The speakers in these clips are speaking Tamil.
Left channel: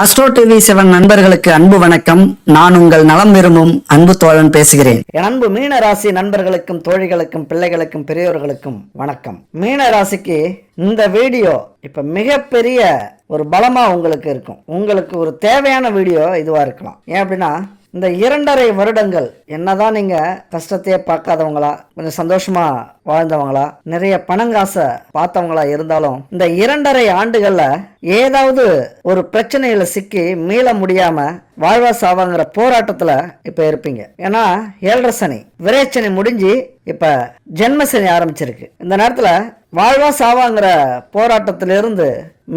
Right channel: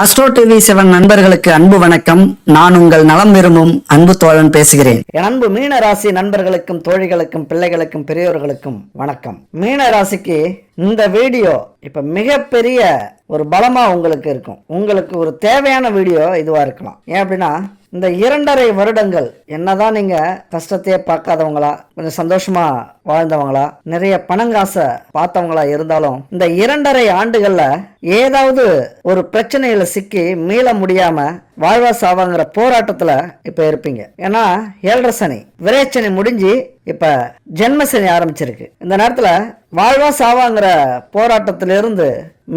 அஸ்ட்ரோ டிவி 7 நண்பர்களுக்கு அன்பு வணக்கம். நான் உங்கள் நலம் விரும்பும் அன்பு தோழன் பேசுகிறேன். என் அன்பு மீன ராசி நண்பர்களுக்கும் தோழிகளுக்கும் பிள்ளைகளுக்கும் பெரியோர்களுக்கும் வணக்கம். மீன ராசிக்கு இந்த வீடியோ இப்ப மிகப்பெரிய ஒரு பலமா உங்களுக்கு இருக்கும். உங்களுக்கு ஒரு தேவையான வீடியோ இதுவா இருக்கலாம். ஏன் அப்படின்னா, இந்த 2.5 வருடங்கள் என்னதான் நீங்க கஷ்டத்தையே பார்க்காதவங்களா, கொஞ்சம் சந்தோஷமா வாழ்ந்தவங்களா, நிறைய பணங்காசை பார்த்தவங்களா இருந்தாலும், இந்த 2.5 ஆண்டுகள்ல ஏதாவது ஒரு பிரச்சனையில சிக்கி மீள முடியாம வாழ்வா சாவாங்கிற போராட்டத்துல இப்ப இருப்பீங்க. ஏன்னா 7 சனி விரைச்சனி முடிஞ்சு இப்ப ஜென்மசனி ஆரம்பிச்சிருக்கு. இந்த நேரத்துல வாழ்வா சாவாங்கிற போராட்டத்திலிருந்து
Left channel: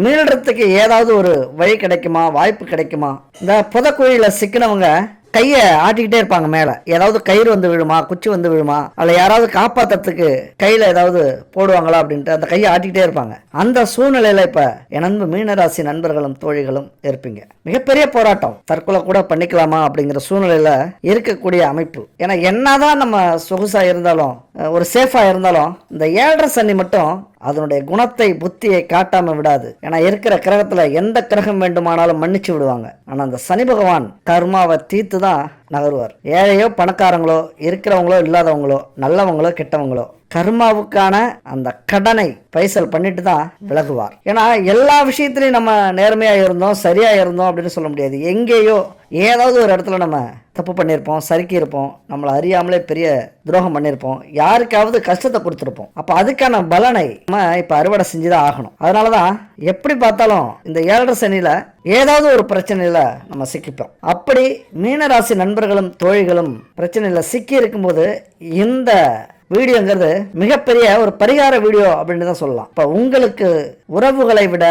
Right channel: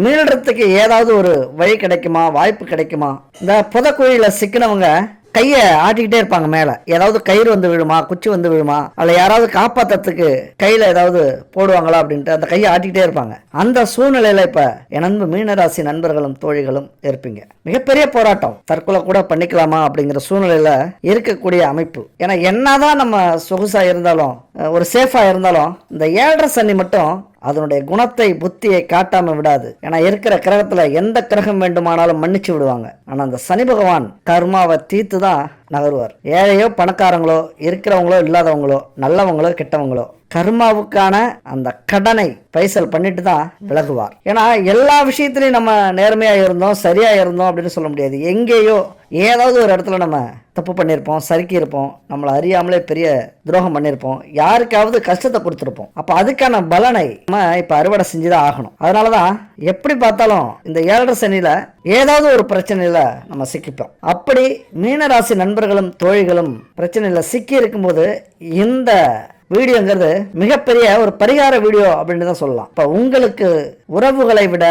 மீளறதுக்கு ஏதாவது ஒரு வழி கிடைக்குமா, வாய்ப்பு கிடைக்குமா? இந்த புதக்குழியில சிக்கினவங்க கைய ஆட்டிக்கிட்டே இருப்பாங்க. மேல ஏதாவது கயிறு வந்து விழுமா, குச்சி வந்து விழுமா, அல்ல யாராவது காப்பாத்துறதுக்கு கையில ஏதாவது போடுவாங்களா அப்படின்ட்டு அந்த கையை ஆட்டிக்கிட்டே இருப்பாங்க. அந்த சூழ்நிலையில இப்ப என் அன்பு மீனராசி நண்பர்களும் தோழிகளும் இருப்பீங்க. மிகப்பெரிய போராட்டம், தற்கொலை கூட பண்ணிக்கலாமா அப்படிங்கிற சூழ்நிலையில இருக்கக்கூடிய அமைப்பு. ஏன்னா என்னதான் நம்ம சொகுசா இருந்தாலும், ஒரு சேஃபா இருந்தாலும், இந்த 7.5 சனி மட்டும் அதனுடைய குணத்தை புத்தியை காட்டாம விடாது. ஏன்னா இருக்கிற கிரகத்துல எந்த கிரகம் வேண்டுமானாலும் மன்னிச்சு விடுவாங்க. ஆனா அந்த சனி பகவான் கர்மாவை தீர்த்துதான் நகருவார். ஏழையோ பணக்காரங்களோ, இருக்கிறவங்களோ இல்லாதவங்களோ, நல்லவங்களோ கெட்டவங்களோ, கர்மாவுக்கான அந்த கடனை பைசல் பண்ணிட்டு தான் விலகுவார். ஏன்னா எல்லா விஷயத்திலையும் நம்ம நேர்மையா இருந்தோம், சரியா இருந்தோம் அப்படின்னு சொல்ல முடியாது. எங்கேயோ ஏதாவது ஒரு இடத்துல நம்ம தப்பு பண்ணியிருப்போம், சறுக்கி இருப்போம், நம்மளை அறியாமலே பெரிய துரோகம் பண்ணியிருப்போம், யாருக்காவது கஷ்டத்தை கொடுத்துருப்போம். அப்ப அதுக்கான பலனை நம்ம இப்ப அறுவடை செஞ்சுதான் ஆகணும். அதனாலதான் எப்படி பார்த்தாலும் இந்த 7.5 சனியில ஏதாவது ஒரு பிரச்சனையில நம்ம சிக்கிப்போம். அப்படி மீனராசி நண்பர்களும் தோழிகளும் பிரச்சனையில சிக்கி இருக்கும்போது இந்த வீடியோங்கிறது மிகப்பெரிய ஒரு பரிகார வீடியோ அப்படின்னு தான் சொல்லலாம். இப்ப உங்களுக்கு உறவுகளை விட,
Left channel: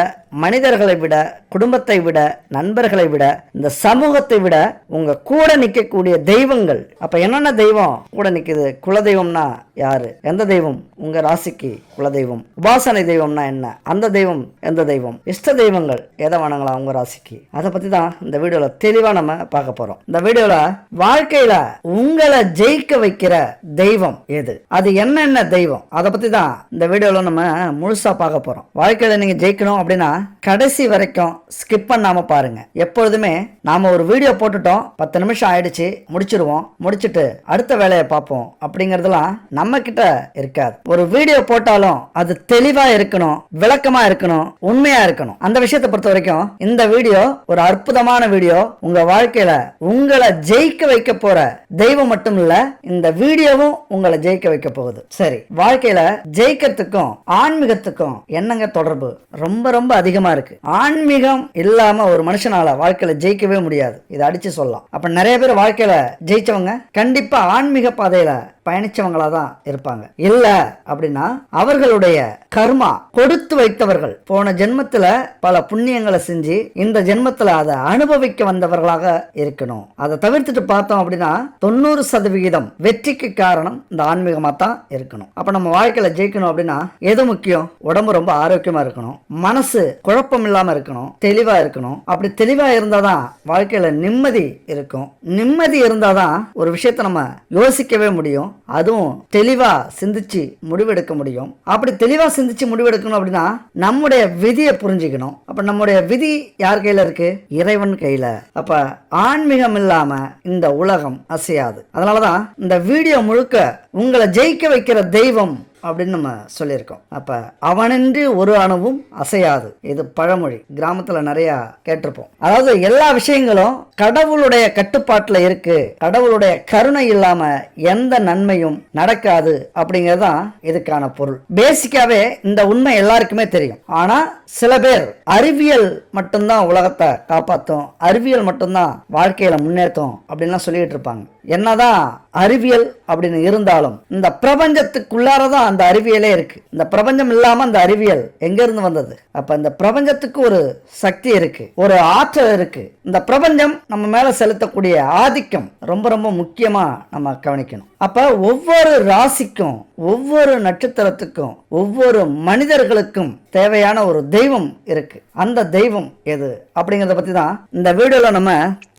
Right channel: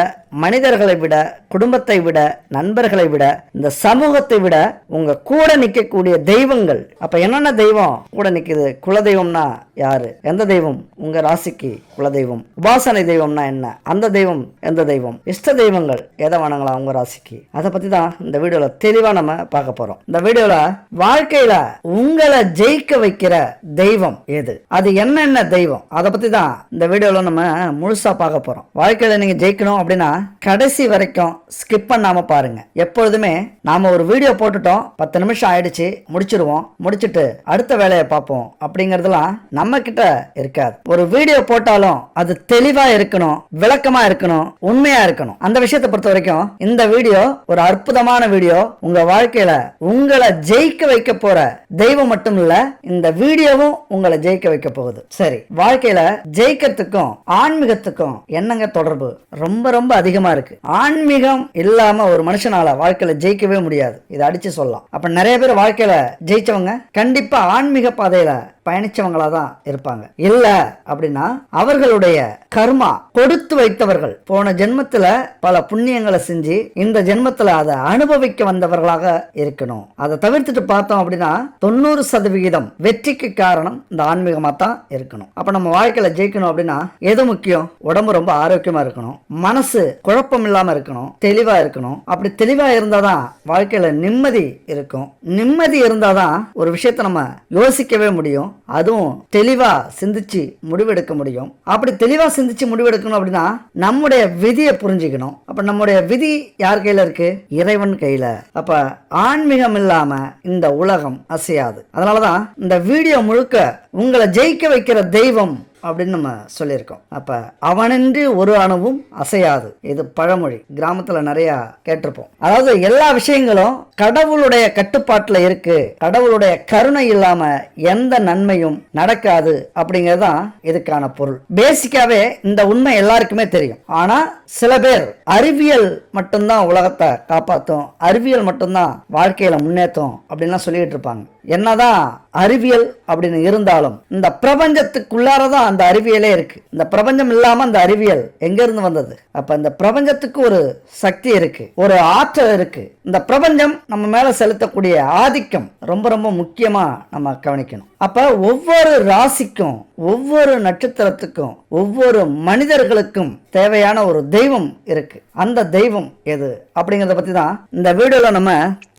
மனிதர்களை விட, குடும்பத்தை விட, நண்பர்களை விட, இந்த சமூகத்தை விட உங்க கூட நிக்கக்கூடிய தெய்வங்கள். அப்ப என்னென்ன தெய்வம் கூட நிக்குது? குலதெய்வம்னா யாரு? எந்த தெய்வம் உங்க ராசிக்கு குலதெய்வம்? உபாசனை தெய்வம்னா என்ன? அந்த தெய்வம் எந்த தெய்வம்? இஷ்ட தெய்வங்கள் எதை வணங்கலாம் உங்க ராசிக்கு? அதை பத்தி தான் இந்த வீடியோல தெளிவா நம்ம பார்க்க போறோம். இந்த வீடியோல வாழ்க்கையில உங்களை ஜெயிக்க வைக்கிற தெய்வம் எது, அது என்னென்ன தெய்வம், அதை பத்தி தான் இந்த வீடியோல நம்ம முழுசா பார்க்க போறோம். வாழ்க்கையில நீங்க ஜெயிக்கணும் அப்படின்னா கடைசி வரைக்கும் ஸ்கிப் பண்ணாம பாருங்க. எப்பொழுதுமே நாம ஒரு வீடியோ போட்டுட்டோம், 10 நிமிஷம் ஆயிடுச்சு, முடிச்சிருவோம், முடிச்சிட்டு அடுத்த வேலையை பார்ப்போம் அப்படிங்கறதெல்லாம் நம்ம கிட்ட இருக்காது. ஒரு வீடியோ போட்டாலும் அது தெளிவா இருக்கணும், விளக்கமா இருக்கணும், உண்மையா இருக்கணும். அந்த விஷயத்தை பொறுத்த வரைக்கும் இந்த வீடியோ ஒரு அற்புதமான வீடியோ. உங்க வாழ்க்கையில உங்களை ஜெயிக்க வைக்க போற தெய்வம் மட்டும் இல்ல, இந்த வீடியோவும் உங்களை ஜெயிக்க வைக்க போகுது. சரி, வாழ்க்கையில ஜெயிக்கிறதுக்கும் ஆன்மீகத்துக்கும் என்னங்க தொடர்பு? ரொம்ப ரொம்ப அதிகமா இருக்கு. ஆன்மீகம் இல்லாம ஒரு மனுஷனால வாழ்க்கையில ஜெயிக்கவே முடியாது. இதை அடிச்சு சொல்லலாம். அப்ப நிறைய பேர் வாழ்க்கையில ஜெயிச்சவங்க கண்டிப்பா ஆன்மீக பாதையில பயணிச்சவங்களா தான் இருப்பாங்க. இல்ல அப்படின்னா அவர்களுடைய கர்மா கொடுத்து வைத்தவர்கள் போன ஜென்மத்துல பல புண்ணியங்களை செஞ்சு இந்த ஜென்மத்துல அதை அனுபவிக்க வந்தவர்களாக இருக்கணும். அதை தவிர்த்துட்டு பார்த்தோம் அப்படின்னா 90% வெற்றிக்கு காரணம் இந்த ஆன்மீகமா தான் இருக்கணும். அப்ப நம்ம வாழ்க்கையில ஜெயிக்கணும் அப்படின்னா எது முக்கியம்? உடம்பு ரொம்ப ஆரோக்கியமா இருக்கணும், மனசு குழப்பம் இல்லாம இருக்கணும், தெளிவா இருக்கணும். அப்படி தெளிவா இருந்தாதான் வாழ்க்கையில நிம்மதி இருக்கும். நிம்மதி இருந்தாதான் ஒரு விஷயத்தை நம்ம யோசிக்கவே முடியும், அதுவும் தெளிவா சிந்திச்சு முடிவெடுக்க முடியும். அப்படி தெளிவா சிந்திச்சு முடிவெடுக்கணும் அப்படின்னா நம்முடைய விதியை புரிஞ்சுக்கணும். அப்ப நம்முடைய விதி யார் கையில இருக்கு? இறைவன் கையில. அப்ப ஆன்மீகம் இல்லாம இந்த உலகம் அசையாது. அதனாலதான் இந்த வீடியோ முழுக்க உங்களை ஜெயிக்க வைக்கிற தெய்வம் அப்படின்னு நம்ம சொல்லியிருக்கோம். அப்ப அவனின்றி ஒரு அணுவும் அசையாது. இது பழமொழி, கிராமத்துல நிறைய கேட்டிருப்போம். அதாவது எல்லா விஷயங்களும் கடவுளுடைய கட்டுப்பாட்டுல இருக்கு, கடவுளுடைய கருணை இல்லாம எந்த நன்மையும் நடக்காது அப்படிங்கறதுதான் இதுக்கான பொருள். பேசிக்காவே இந்த உண்மை எல்லாருக்குமே தெரியும். ஆனா சில பேர் அறிவியல் மட்டும்தான் உலகத்தை காப்பாற்றும், அறிவியல் மட்டும்தான் வாழ்க்கையில முன்னேற்றம் அப்படின்லாம் சொல்லிட்டு இருப்பாங்க. என்னதான் அறிவியல் அப்படின்னு இருந்தாலும் இந்த பிரபஞ்சத்துக்குள்ளாரதான் அந்த அறிவியலே இருக்கு. இந்த பிரபஞ்சம் இல்லாம அந்த அறிவியல் எங்க இருந்து வந்தது? அப்ப இந்த பிரபஞ்சத்துக்கு ஒரு சக்தி இருக்கு, ஒரு ஆற்றல் இருக்கு. இந்த பிரபஞ்சம் நம்ம மேல செலுத்தக்கூடிய ஆதிக்கம் ரொம்ப ரொம்ப முக்கியமா நம்ம கவனிக்கணும். அப்ப ஒவ்வொரு ராசிக்கும், ஒவ்வொரு நட்சத்திரத்துக்கும், ஒவ்வொரு மனிதர்களுக்கும் தேவையான ஒரு தெய்வம் இருக்கு. அந்த தெய்வம் எது அப்படிங்கறத பத்தி தான் இந்த வீடியோல நம்ம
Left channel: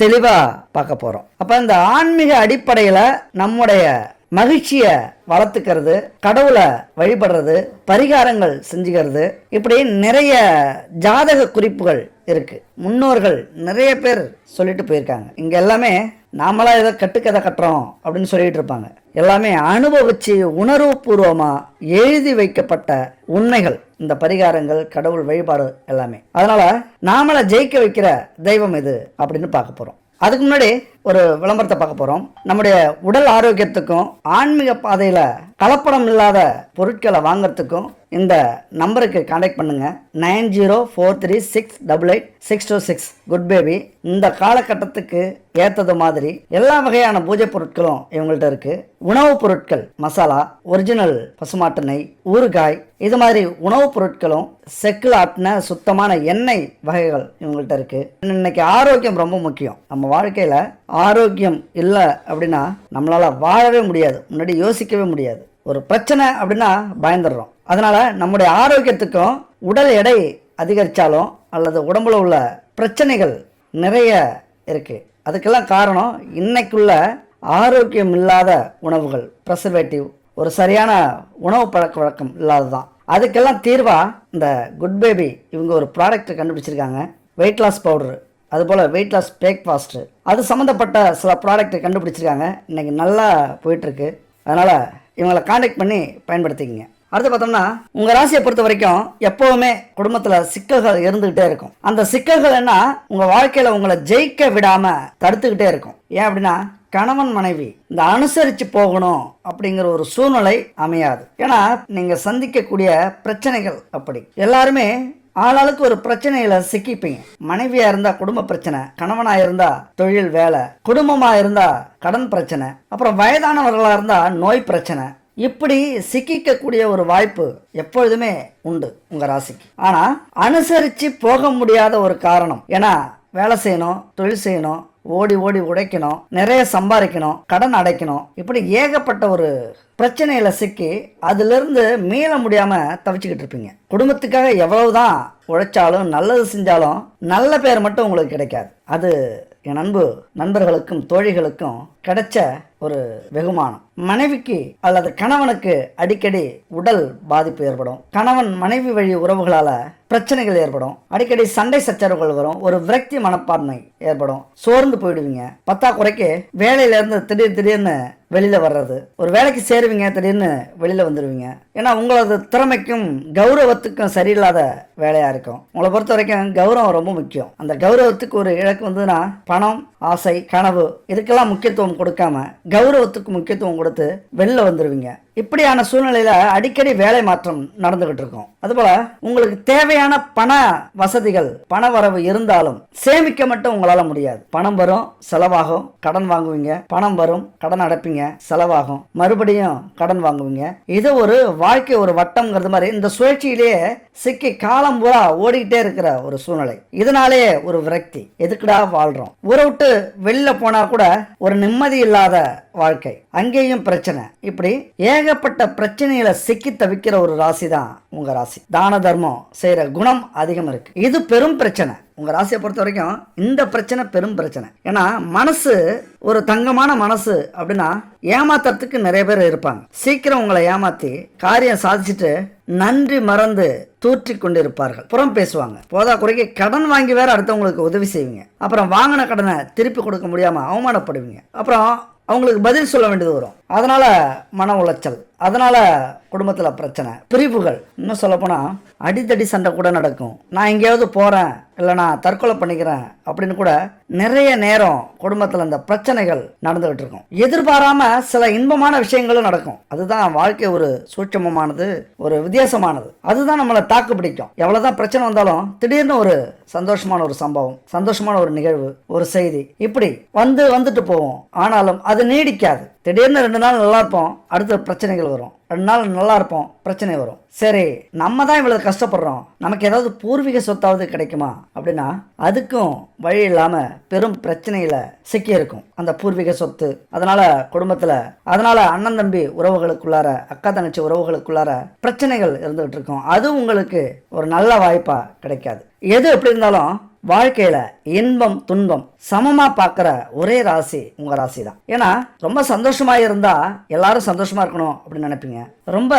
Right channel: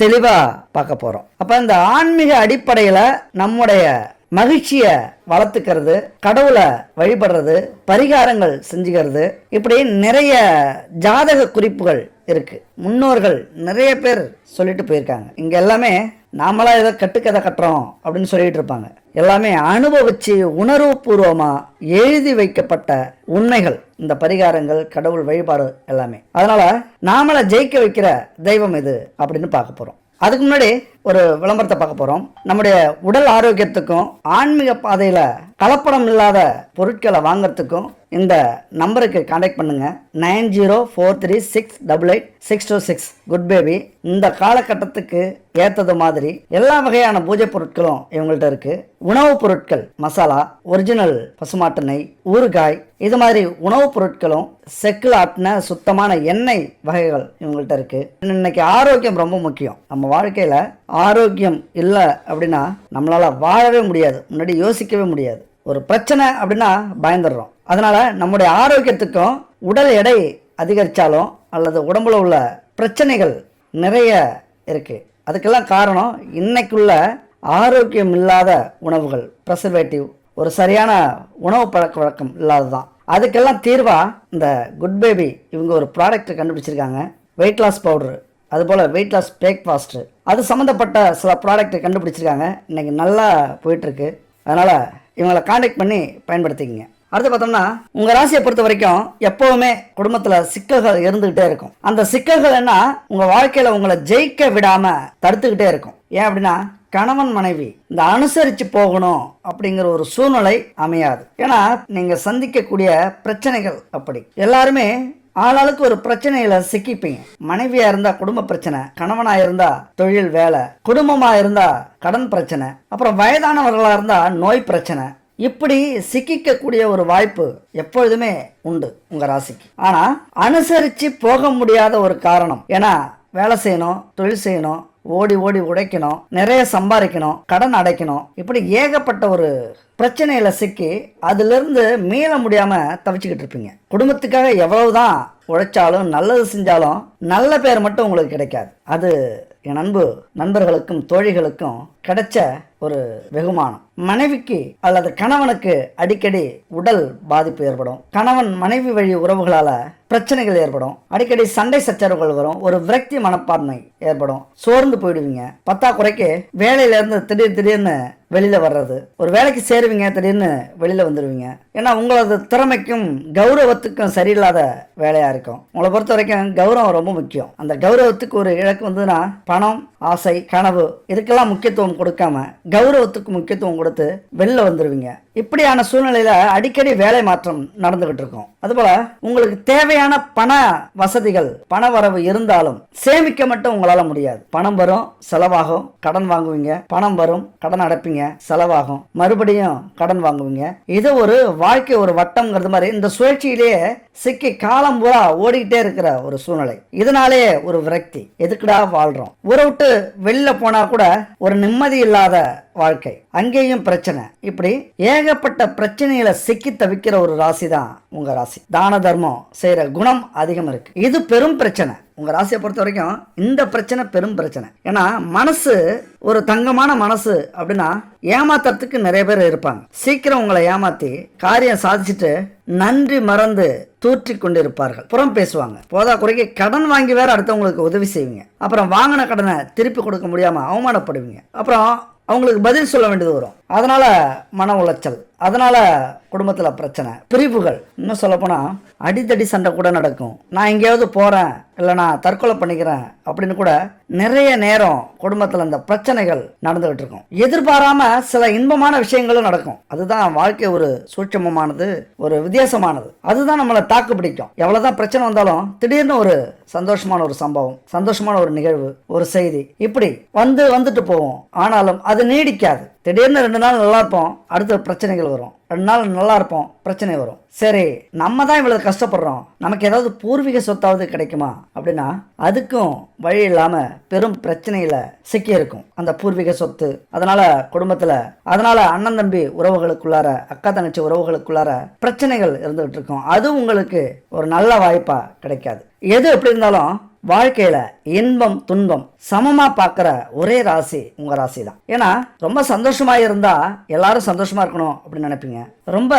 தெளிவா பார்க்க போறோம். அப்ப இந்த ஆன்மீக அடிப்படையில நம்முடைய மகிழ்ச்சிய வளர்த்துக்கிறது, கடவுளை வழிபடுறது, பரிகாரங்கள் செஞ்சுக்கிறது, இப்படி நிறைய ஜாதக குறிப்புகள் இருக்கு. முன்னோர்கள் நிறைய பேர் சொல்லிட்டு போயிருக்காங்க. இங்க எல்லாமே நாமளா ஏதோ கட்டுக்கதை கட்டுறோம் அப்படின்னு சொல்லிட்டு இருப்பாங்க. எல்லாமே அனுபவிச்சு உணர்வு பூர்வமா எழுதி வைக்கப்பட்ட உண்மைகள். இந்த பரிகாரங்கள், கடவுள் வழிபாடு எல்லாமே. அதனால நாமள ஜெயிக்க வைக்கிற தெய்வம் இது அப்படின்னு பார்க்க போறோம். அதுக்கு முன்னாடி ஒரு விளம்பரத்தை பார்க்க போறோம். நம்முடைய உடல் ஆரோக்கியத்துக்கும் ஆன்மீக பாதையில கலப்படம் இல்லாத பொருட்களை வாங்கறதுக்கும் இந்த நம்பருக்கு கான்டாக்ட் பண்ணுங்க. 9043688626 குட் பேபி. இந்த காலகட்டத்துக்கு ஏத்தது மாதிரி எல்லா வகையான பூஜை பொருட்களும் இவங்கள்ட்ட இருக்கு. உணவுப் பொருட்கள், மசாலா, ஒரிஜினல் பசுமாட்டு நெய், ஊறுகாய், இது மாதிரி உணவுப் பொருட்களும் செக்கில் ஆட்டின சுத்தமான எண்ணெய் வகைகள் இவங்கள்ட்ட இருக்கு. இன்னைக்கு ஆரோக்கியம் ரொம்ப முக்கியம். நம்ம வாழ்க்கையில ஆரோக்கியம் இல்லை அப்படின்னா நம்மளால வாழவே முடியாது, முன்னாடி யோசிக்கவே முடியாது. ஒரு பிரச்சனை அப்படின்னா பயந்துடுறோம். அதனால நம்முடைய ஆரோக்கியத்துக்கும் உடல் எடை அதிகரிச்சாலும் அல்லது உடம்புல உள்ள பிரச்சனைகள் நிறைய இருக்கு. அதுக்கெல்லாம் காரணம் இன்னைக்குள்ள ஆரோக்கியம் இல்லாத உணவுகள், ப்ரெசர்வேட்டிவ், ஒரு சரியான உணவு பழக்க வழக்கம் இல்லாததான். அதுக்கெல்லாம் தீர்வா இந்த குட் பேபி இவங்க ஒரு ப்ராடக்ட் கண்டுபிடிச்சிருக்காங்க. வெயிட் லாஸ் பவுடர், அது போல வெயிட் லாஸ் பிரேக்ஃபாஸ்ட், அது சம்பந்தப்பட்ட சில ப்ராடக்ட் கண்டுபிடிச்சிருக்காங்க. இன்னைக்கு நல்லா போயிட்டு இருக்கு. அதனால இவங்களை கான்டாக்ட் பண்ணி பயன்படுத்திக்கங்க. அடுத்து பார்த்தோம்னா, உங்க ராசியை பொறுத்த வரைக்கும் எப்பவுமே குடும்பத்துல சிக்கல்கள் இருந்துகிட்டே இருக்கும். அந்த சிக்கல்கள் என்ன உங்க வாழ்க்கையில உங்களை ஜெயிக்க விடாம தடுத்துக்கிட்டே இருக்கும். ஏன் அப்படின்னா, கணவன் மனைவி இந்த அனுசரிச்சு போகணும் அப்படிங்கிற ஒரு சூழ்நிலை அமையாது. ஏன்னா நீங்க சந்திக்கக்கூடிய பிரச்சனைகள் அப்படி. எல்லாருமே ஆளாளுக்கு ஒரு பிரச்சனையில சிக்கிப்பீங்க. மனைவியா இருந்தா குடும்ப பிரச்சனை, கணவனா இருந்தா தொழில் வேலை, குடும்பமா இருந்தா கடன் பிரச்சனை, அப்புறம் வயதானவர்களா இருந்தா நோய் பிரச்சனை. இப்படி சிக்கிக்க கூடிய ஒரு வாய்ப்பு எப்பொழுதுமே உண்டு உங்க ராசிக்கு. ஆனா அனுசரிச்சு போக முடியாத ஒரு காரணம். ஏன்னா வேலை செய்யணும், தொழில் செய்யணும், ஓடி ஓடி உடைக்கணும், நிறைய சம்பாதிக்கணும், கடன் அடைக்கணும், இப்படி ஏகப்பட்ட ஒரு பிரச்சனையில சிக்கி அதுல இருந்து மீள முடியாம தவிச்சுக்கிட்டு இருப்பீங்க. குடும்பத்துக்காக எவ்வளவுதான் உழைச்சாலும் நல்லது செஞ்சாலும் நல்ல பேர் மட்டும் உங்களுக்கு கிடைக்காது. அது என் நண்பர்களுக்கும் தோழிகளுக்கும் கிடைச்ச ஒரு வெகுமானம். மனைவிக்கு அல்லது கணவனுக்கு அடிக்கடி உடல் பாதிப்பு ஏற்படும். கணவன் மனைவி வழி உறவுகளால பிரச்சனைகள் ஏற்படும். அடிக்கடி சண்டை சச்சரவுகள் வரும். ஒரு விரக்தி மனப்பான்மை ஏற்படும். சோர்ந்து போயிடுவீங்க. பத்தாக்குறைக்கு வேலையில இருந்து திடீர்னு வெளியில வர்றது, ஒரு வேலைக்கு சேருவீங்க, திடீர்னு வெளியில வந்துடுவீங்க. ஏன்னா உங்களது திறமைக்கும் கௌரவத்துக்கும் சரியில்லாத வேலையா இருக்கும். உங்களை பொறுத்த வரைக்கும் கௌரவம் ரொம்ப முக்கியம். அந்த கௌரவத்துக்கு ஒரு இலக்கு வந்ததுன்னா பணம், ஆசை, கனவு இதுக்கெல்லாம் முக்கியத்துவம் கொடுக்காம கௌரவத்துக்கு முக்கியத்துவம் கொடுத்து வெளில வந்துருவீங்க. இப்படியான சூழ்நிலையில அடிக்கடி வேலை மாற்றம் நடந்துகிட்டு இருக்கும். அதுபோல உங்களுக்கு தேவையான பண வசதிகள், பண வரவு இருந்தாலும் சேமிக்க மட்டும் உங்களால முடியாது. பணம் வரும், செலவாகும், கடன் வாங்குவீங்க, பணம் வரும், கடன் அடைப்பீங்க, செலவாகும், மறுபடியும் கடன் வாங்குவீங்க. இது ஒரு வாழ்க்கை, ஒரு வட்டம்ங்கிறது மாதிரி இந்த சுழற்சியிலேயே சிக்கி காலம் பூரா ஓடிக்கிட்டே இருக்கிற ஒரு சூழ்நிலை. இதனாலே ஒரு விரக்தி, எதுக்குடா வாழ்றோம், ஊரை விட்டு வெளில போனா கூட ஒரு நிம்மதி இல்லாத வாழ்க்கை, அங்கேயும் பிரச்சனை. இப்படி ஏகப்பட்ட பிரச்சனையில சிக்கி தவிக்கிற ஒரு ராசி தான் உங்க ராசி. தான தர்மம் செய்யற குணம் அதிகம் இருக்கு. இது பெரும் பிரச்சனை. உங்க ராசியை பொறுத்த வரைக்கும் இந்த பிரச்சனை பெரும் பிரச்சனை. ஏன்னா மனசு ஒரு தங்கமான மனசு அப்படின்னா ஏமாத்துறதுக்கு நிறைய பேர் இருப்பாங்க. சீக்கிரம் உங்களை ஏமாத்தி காரியம் சாதிச்சுட்டு நன்றி மறந்து தூற்றி கொண்டிருப்பார்கள். புறம் பேசுவாங்க. போதா குறைக்கு கடன் வாங்கி வேற அடுத்தவங்களுக்கு உதவி செய்வீங்க. அப்புறம் வாங்கின கடனை திருப்பி கொடுக்க முடியாம அவமானப்படுவீங்க. அப்புறம் அவங்களுக்கு பதில் சொல்ல வேண்டியது வரும். அதனால மன உளைச்சல், அதனால குடும்பத்துல பிரச்சனை, பிரிவுகள். இன்னும் சொல்ல போனா அடித்தடி சண்டை கூட நடக்கும். நான் எங்கேயாவது போறேன், இல்ல நான் தற்கொலை பண்ணிக்கிறேன் அப்படின்னு கூட நிறைய நேரம் குடும்பத்துல இந்த பிரச்சனைகள் நடந்துகிட்டு இருக்கும். எதிர்பாராம சில இன்பமான விஷயங்களும் நடக்கும். அதுதான் வாழ்க்கை, ஒரு சூட்சமமானது, ஒரு வித்தியாசமானது. அதுதான் நம்மளை தாக்கு பிடிக்கும். எவ்வளவுதான் பிரச்சனை வந்தாலும் திடீர்னு ஒரு சந்தோஷமான ஒரு சம்பவம், சந்தோஷமான ஒரு நிகழ்வு, ஒரு செய்தி, இப்படி வந்துட்டு போவோம். ஆனாலும் அது நீடிக்காது. திடீர்னு 2 நாள் நல்லா இருப்போம், அடுத்த பிரச்சனைகள் வரும். 2 நாள் நல்லா இருப்போம், பிரச்சனை வரும். சரி, நம்ம தான் இவ்வளவு கஷ்டப்படுறோம், நமக்கு ஏதாவது பூர்வீக சொத்தாவது கிடைக்குமா அப்படின்னா அதுக்கும் வழி இல்லாம பெரும் பிரச்சனையில சிக்கி இருக்கும் அந்த பூர்வீக சொத்து. அதனால குடும்பத்துல, அதனால அண்ணன் தம்பி உறவுகளுக்குள்ளார, அக்கா தங்கச்சி உறவுகளுக்குள்ளார பிரச்சனைகள் இருந்துகிட்டு இருக்கும். அது உங்களுக்கு ஒரு நல்ல வாய்ப்பா கிடைக்காது. எது எப்படி இருந்தாலும் வாழ்க்கையில இன்பம் துன்பம் சமமா பாக்குற ஒரே ராசி உங்க ராசி தான். ஏன்னா ரொம்ப சந்தோஷமா இருந்தா எல்லாரும் சந்தோஷமா இருக்கணும் அப்படின்னு நினைப்பீங்க. ரொம்ப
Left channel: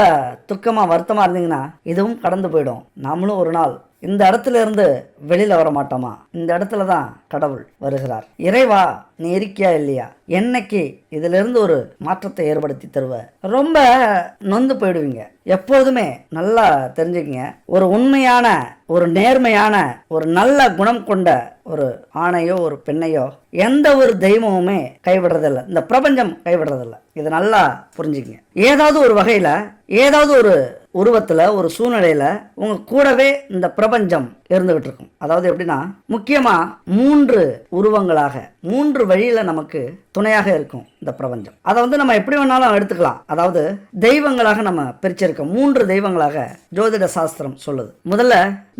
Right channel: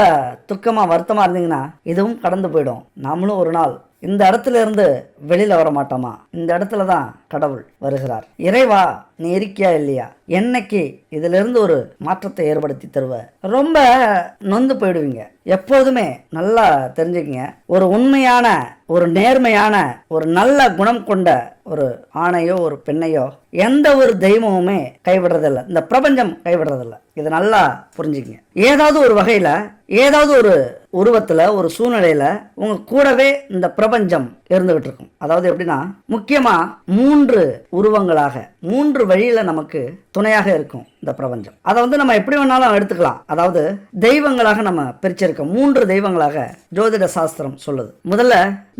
துக்கமா வருத்தமா இருந்தீங்கன்னா இதுவும் கடந்து போயிடும், நாமளும் ஒரு நாள் இந்த இடத்துல இருந்து வெளியில வர மாட்டோமா? இந்த இடத்துல தான் கடவுள் வருகிறார். இறைவா நீ இருக்கியா இல்லையா? என்னைக்கு இதுல இருந்து ஒரு மாற்றத்தை ஏற்படுத்தி தருவ? ரொம்ப நொந்து போயிடுவீங்க. எப்போதுமே நல்லா தெரிஞ்சுக்கங்க, ஒரு உண்மையான, ஒரு நேர்மையான, ஒரு நல்ல குணம் கொண்ட ஒரு ஆணையோ ஒரு பெண்ணையோ எந்த ஒரு தெய்வமுமே கைவிடுறதில்லை. இந்த பிரபஞ்சம் கைவிடுறதில்லை. இது நல்லா புரிஞ்சுக்கங்க. ஏதாவது ஒரு வகையில, ஏதாவது ஒரு உருவத்துல, ஒரு சூழ்நிலையில உங்க கூடவே இந்த பிரபஞ்சம் இருந்துகிட்டு இருக்கும். அதாவது எப்படின்னா, முக்கியமா 3 உருவங்களாக, 3 வழியில நமக்கு துணையாக இருக்கும் இந்த பிரபஞ்சம். அதை நம்ம எப்படி வேணாலும் எடுத்துக்கலாம். அதாவது தெய்வங்களாக நம்ம பிரிச்சிருக்கோம். 3 தெய்வங்களாக ஜோதிட சாஸ்திரம் சொல்லுது. முதல்ல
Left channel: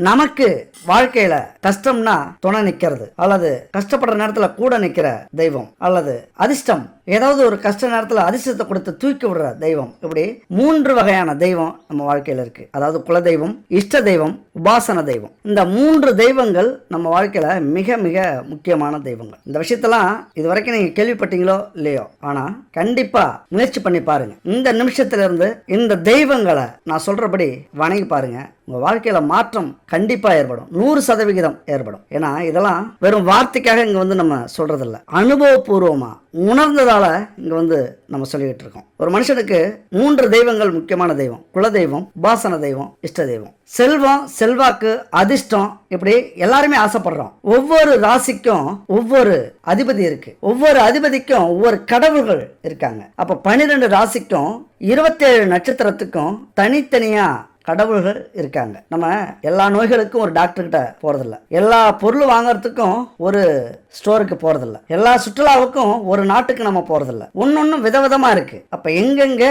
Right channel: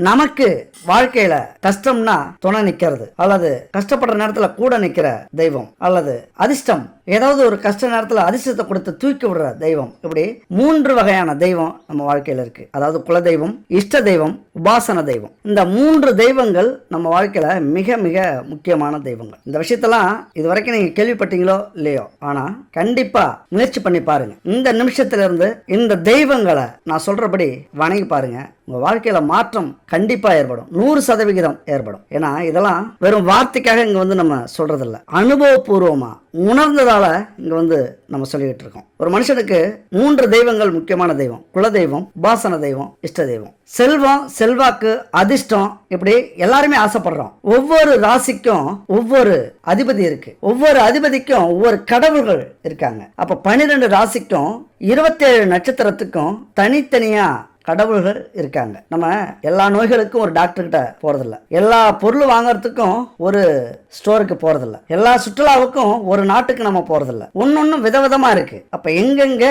நமக்கு வாழ்க்கையில கஷ்டம்னா துணை நிக்கிறது, அல்லது கஷ்டப்படுற நேரத்துல கூட நிக்கிற தெய்வம், அல்லது அதிர்ஷ்டம், ஏதாவது ஒரு கஷ்ட நேரத்துல அதிர்ஷ்டத்தை கொடுத்து தூக்கி விடுற தெய்வம். இப்படி 3 வகையான தெய்வம் நம்ம வாழ்க்கையில இருக்கு. அதாவது குலதெய்வம், இஷ்ட தெய்வம், உபாசன தெய்வம். இந்த 3 தெய்வங்கள் நம்ம வாழ்க்கையில மிக மிக முக்கியமான தெய்வங்கள். இந்த விஷயத்தெல்லாம் இதுவரைக்கும் நீங்க கேள்விப்பட்டீங்களோ இல்லையோ, ஆனா கண்டிப்பா முயற்சி பண்ணி பாருங்க. இந்த நிமிஷத்துல இருந்து இந்த தெய்வங்களை நான் சொல்றபடி வணங்கி பாருங்க. உங்க வாழ்க்கையில மாற்றம் கண்டிப்பா ஏற்படும். 100% ஏற்படும். ஏன்னா இதெல்லாம் வெறும் வார்த்தைக்காக இங்க நம்ம சொல்றது இல்ல, அனுபவபூர்வமா உணர்ந்ததால இங்க நம்ம சொல்லிட்டு இருக்கோம். ஒரு மனுஷனுக்கு 3 தெய்வங்கள் முக்கியமான தெய்வம்: குலதெய்வம், உபாசன தெய்வம், இஷ்ட தெய்வம். செல்வம், செல்வாக்கு, அதிர்ஷ்டம், இப்படி எல்லாருமே ஆசைப்படுறோம். ஒவ்வொரு ராசிக்கும் ஒவ்வொரு அதிபதி இருக்கு. ஒவ்வொரு அதிபதிக்கும் ஒவ்வொரு கடவுள்கள் இருக்காங்க. அப்ப 12 ராசிக்கும் 27 நட்சத்திரத்துக்கும் தனித்தனியா கடவுள்கள் இருக்காங்க. நம்ம எல்லா நோய்களுக்கும் ஒரு டாக்டர் கிட்ட போறதில்ல, எல்லா பொருள் வாங்குறதுக்கும் ஒரு ஸ்டோருக்கு போறதில்ல, எல்லா சுற்றுலாவுக்கும் ஒரு நாட்டுக்கு நம்ம போறதில்ல. ஒன்னொன்னு விதவிதமா இருக்கு. அப்ப எங்கெங்க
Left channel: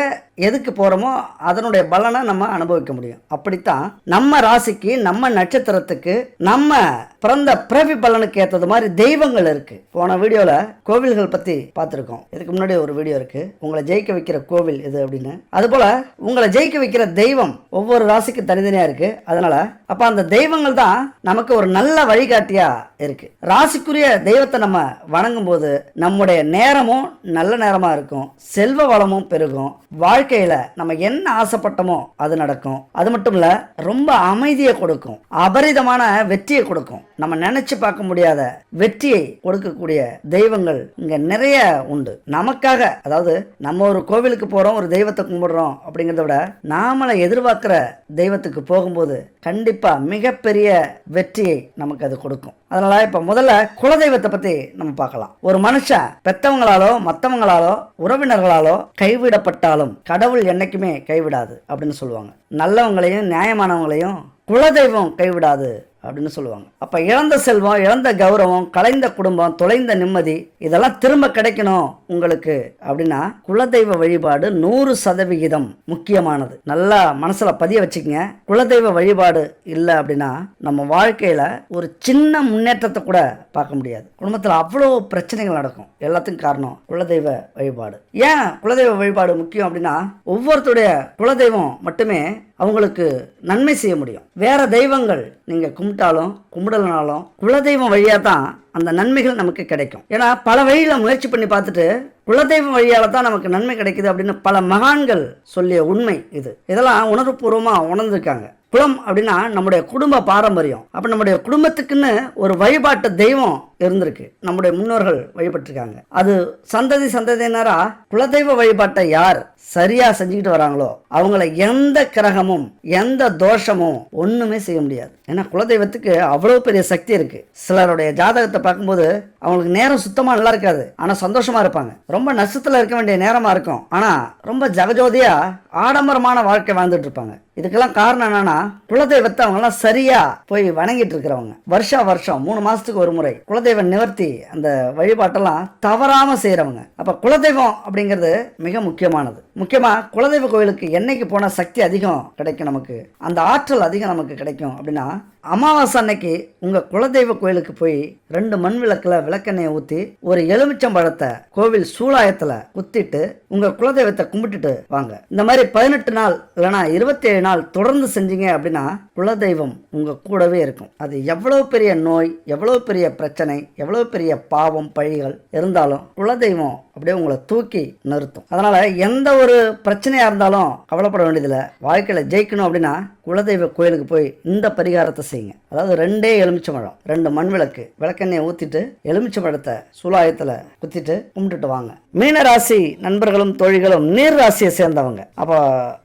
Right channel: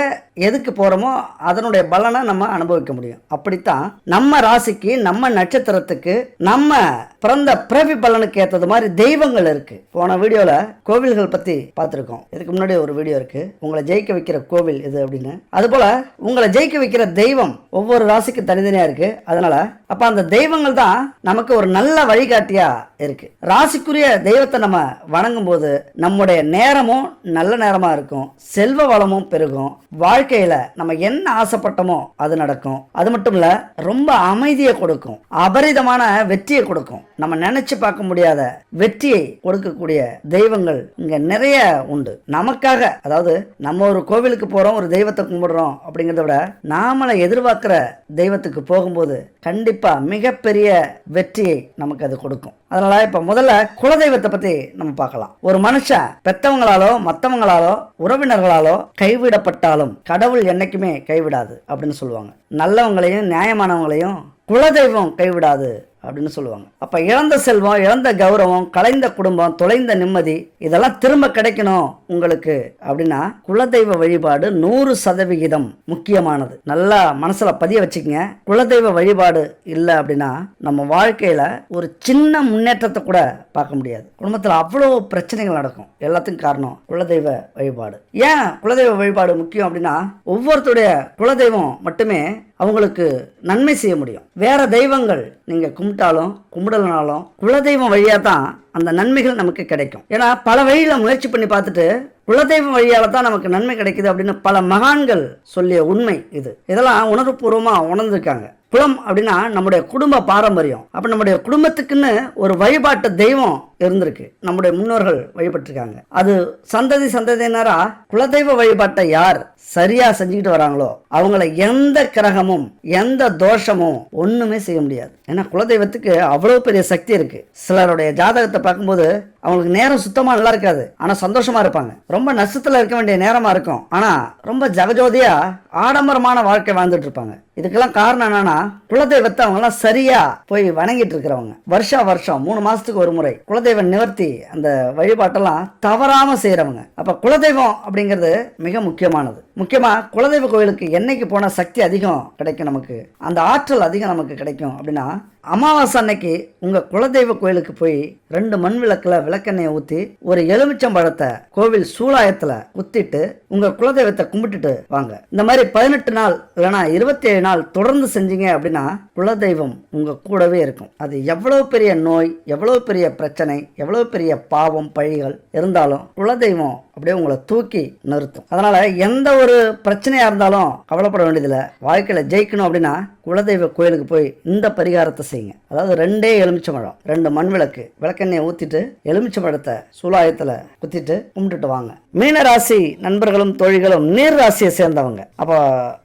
எதுக்கு போறோமோ அதனுடைய பலனை நம்ம அனுபவிக்க முடியும். அப்படித்தான் நம்ம ராசிக்கு, நம்ம நட்சத்திரத்துக்கு, நம்ம பிறந்த பிறவி பலனுக்கு ஏற்றது மாதிரி தெய்வங்கள் இருக்கு. போன வீடியோல கோவில்கள் பத்தி பார்த்திருக்கோம். இதுக்கு முன்னாடி ஒரு வீடியோ இருக்கு, உங்களை ஜெயிக்க வைக்கிற கோவில் இது அப்படின்னு. அது போல உங்களை ஜெயிக்க வைக்கிற தெய்வம் ஒவ்வொரு ராசிக்கு தனித்தனியா இருக்கு. அதனால அப்ப அந்த தெய்வங்கள் தான் நமக்கு ஒரு நல்ல வழிகாட்டியா இருக்கு. ராசிக்குரிய தெய்வத்தை நம்ம வணங்கும் போது நம்முடைய நேரமும் நல்ல நேரமா இருக்கும், செல்வ வளமும் பெருகும், வாழ்க்கையில நம்ம என்ன ஆசைப்பட்டோமோ அது நடக்கும். அது மட்டும் இல்ல, ரொம்ப அமைதியை கொடுக்கும், அபரிதமான வெற்றியை கொடுக்கும். நம்ம நினைச்சு பார்க்க முடியாத வெற்றியை கொடுக்கக்கூடிய தெய்வங்கள் இங்க நிறைய உண்டு நமக்காக. அதாவது நம்ம ஒரு கோவிலுக்கு போறோம், ஒரு தெய்வத்தை கும்பிடுறோம் அப்படிங்கறத விட நாமளை எதிர்பார்க்கிற தெய்வத்துக்கு போகும்போது கண்டிப்பா மிகப்பெரிய வெற்றியை நமக்கு அது கொடுக்கும். அதனால இப்ப முதல்ல குலதெய்வத்தை பத்தி நம்ம பார்க்கலாம். ஒரு மனுஷன் பெத்தவங்களாலோ மத்தவங்களாலோ உறவினர்களாலோ கைவிடப்பட்டாலும் கடவுள் என்னைக்குமே கைவிடாது அப்படின்னு சொல்லுவாங்க. நல்லவங்களையும் நியாயமானவங்களையும் குலதெய்வம் கைவிடாது அப்படின்னு சொல்லுவாங்க. அப்ப இழந்த செல்வம், இழந்த கௌரவம், கலைந்த குடும்பம், தொலைந்த நிம்மதி, இதெல்லாம் திரும்ப கிடைக்கணும் உங்களுக்கு அப்படின்னா குலதெய்வ வழிபாடு 100% முக்கியமானது. நல்லா மனசுல பதிய வச்சுக்கங்க. குலதெய்வ வழிபாடு இல்லை அப்படின்னா நம்ம வாழ்க்கையில ஒரு சின்ன முன்னேற்றத்தை கூட பார்க்க முடியாது. குடும்பத்துல அவ்வளவு பிரச்சனைகள் நடக்கும். எல்லாத்துக்கும் காரணம் குலதெய்வ வழிபாடு. ஏன் குலதெய்வ வழிபாடு முக்கியம் அப்படின்னா, ஒவ்வொருத்தருடைய குலதெய்வம் மட்டுமே அவங்களுக்கு நன்மை செய்ய முடியும். வேற தெய்வங்கள் நீங்க கும்பிட்டாலும் கும்பிடலனாலும் குலதெய்வம் வழியா தான் அந்த நன்மைகள் நமக்கு கிடைக்கும். ஏன்னா பல வழியில முயற்சி பண்ணி பார்த்துட்டு குலதெய்வம் வழியால தான் நமக்கு நன்மை கிடைக்குது அப்படின்னு பல மகான்கள் சொல்லிய உண்மை இது. இதெல்லாம் உணர்வுபூர்வமா உணர்ந்திருக்காங்க. குலம் அப்படின்னா நம்முடைய குடும்ப பாரம்பரியம். அப்ப நம்முடைய குடும்பத்துக்குன்னு ஒரு வழிபாட்டு தெய்வம் இருந்திருக்கு, நம்முடைய முன்னோர்கள் வழிபட்டிருக்காங்க. அது சந்ததி சந்ததியினரா குலதெய்வ வழிபாட்டை யார் சரியா செஞ்சுக்கிட்டு வராங்களோ அவங்கள எந்த கிரகமும் எந்த தோஷமும் ஒண்ணுமே செய்ய முடியாது. ஏன்னா குலதெய்வத்துக்கு அவ்வளவு பெரிய சக்தி இருக்கு. சிலருடைய ஜாதகத்தை பார்க்கும்போது அவங்களுக்கு நேரம் சுத்தமா நல்லா இருக்காது, ஆனா சந்தோஷமா இருப்பாங்க. ரொம்ப நஷ்டத்துல இருக்க வேண்டிய நேரமா இருக்கும், ஆனா ரொம்ப ஜகஜோதியா ஆடம்பரமான வாழ்க்கை வாழ்ந்துட்டு இருப்பாங்க. இதுக்கெல்லாம் காரணம் என்னன்னா குலதெய்வத்தை அவங்க சரியா போய் வணங்கிட்டு இருக்கிறவங்க. வருஷம் 3 மாசத்துக்கு ஒரு முறை குலதெய்வ நிவர்த்தி அந்த வழிபாட்டெல்லாம் தவறாம செய்யறவங்க. அப்ப குலதெய்வம் அப்படிங்கிறது மிக முக்கியமானது. முக்கியமா குலதெய்வ கோயிலுக்கு என்னைக்கு போனா சக்தி அதிகம் கிடைக்கும், நமக்கு அந்த ஆற்றல் அதிகம் நமக்கு கிடைக்கும் அப்படின்னா, அமாவாசை அன்னைக்கு உங்க குலதெய்வ கோயிலுக்கு போய் 2 மண் விளக்குல விளக்கெண்ணெயை ஊத்தி ஒரு எலுமிச்சம்பழத்தை கோவில் சூலாயத்துல குத்திட்டு உங்க குலதெய்வத்தை கும்பிட்டுட்டு வாங்க. இந்த மாதிரி 18 நாள் இல்லைன்னா 27 நாள் தொடர்ந்து செஞ்சீங்க அப்படின்னா குலதெய்வம் உங்க கூடவே இருக்கும். அது எவ்வளவு பெரிய நோய், எவ்வளவு பெரிய பிரச்சனை, எவ்வளவு பெரிய பாவம் பழிகள் இருந்தாலும் குலதெய்வம் அப்படியே உங்களை தூக்கி நிறுத்தும். அதனால எந்த ஒரு பிரச்சனையா இருந்தாலும் கவலைப்பட வேண்டியதில்லை. வாழ்க்கையில ஜெயிக்கணும் அப்படின்னா குலதெய்வ கோயிலுக்கு போய் இந்த பரிகாரத்தை செய்யுங்க. அதாவது 2 எலுமிச்சம்பழம், 2 மண் விளக்கு, விளக்கெண்ணெயை ஊத்திட்டு எலுமிச்சம்பழத்தை சூலாயத்துல குத்திட்டு கும்பிட்டுட்டு வாங்க. மீன ராசி நண்பர்களும் தோழிகளும் நீர் ராசியை சேர்ந்தவங்க. அப்போ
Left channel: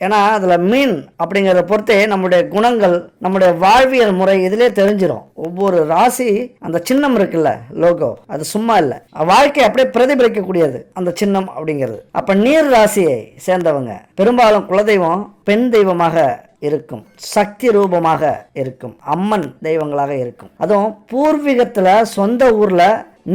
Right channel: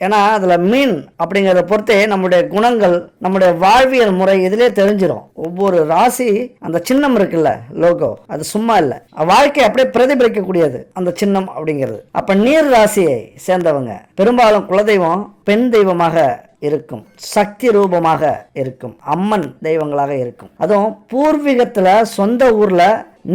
ஏன்னா அதுல மீன் அப்படிங்கறத பொறுத்தே நம்முடைய குணங்கள், நம்முடைய வாழ்வியல் முறை இதுலயே தெரிஞ்சிடும். ஒவ்வொரு ராசி அந்த சின்னம் இருக்குல்ல, லோகோ, அது சும்மா இல்ல, வாழ்க்கை அப்படியே பிரதிபலிக்க கூடியது அந்த சின்னம் அப்படிங்கிறது. அப்ப நீர் ராசியை சேர்ந்தவங்க பெரும்பாலும் குலதெய்வம் பெண் தெய்வமாக இருக்கும், சக்தி ரூபமாக இருக்கும், அம்மன் தெய்வங்களாக இருக்கும். அதுவும் பூர்வீகத்துல சொந்த ஊர்ல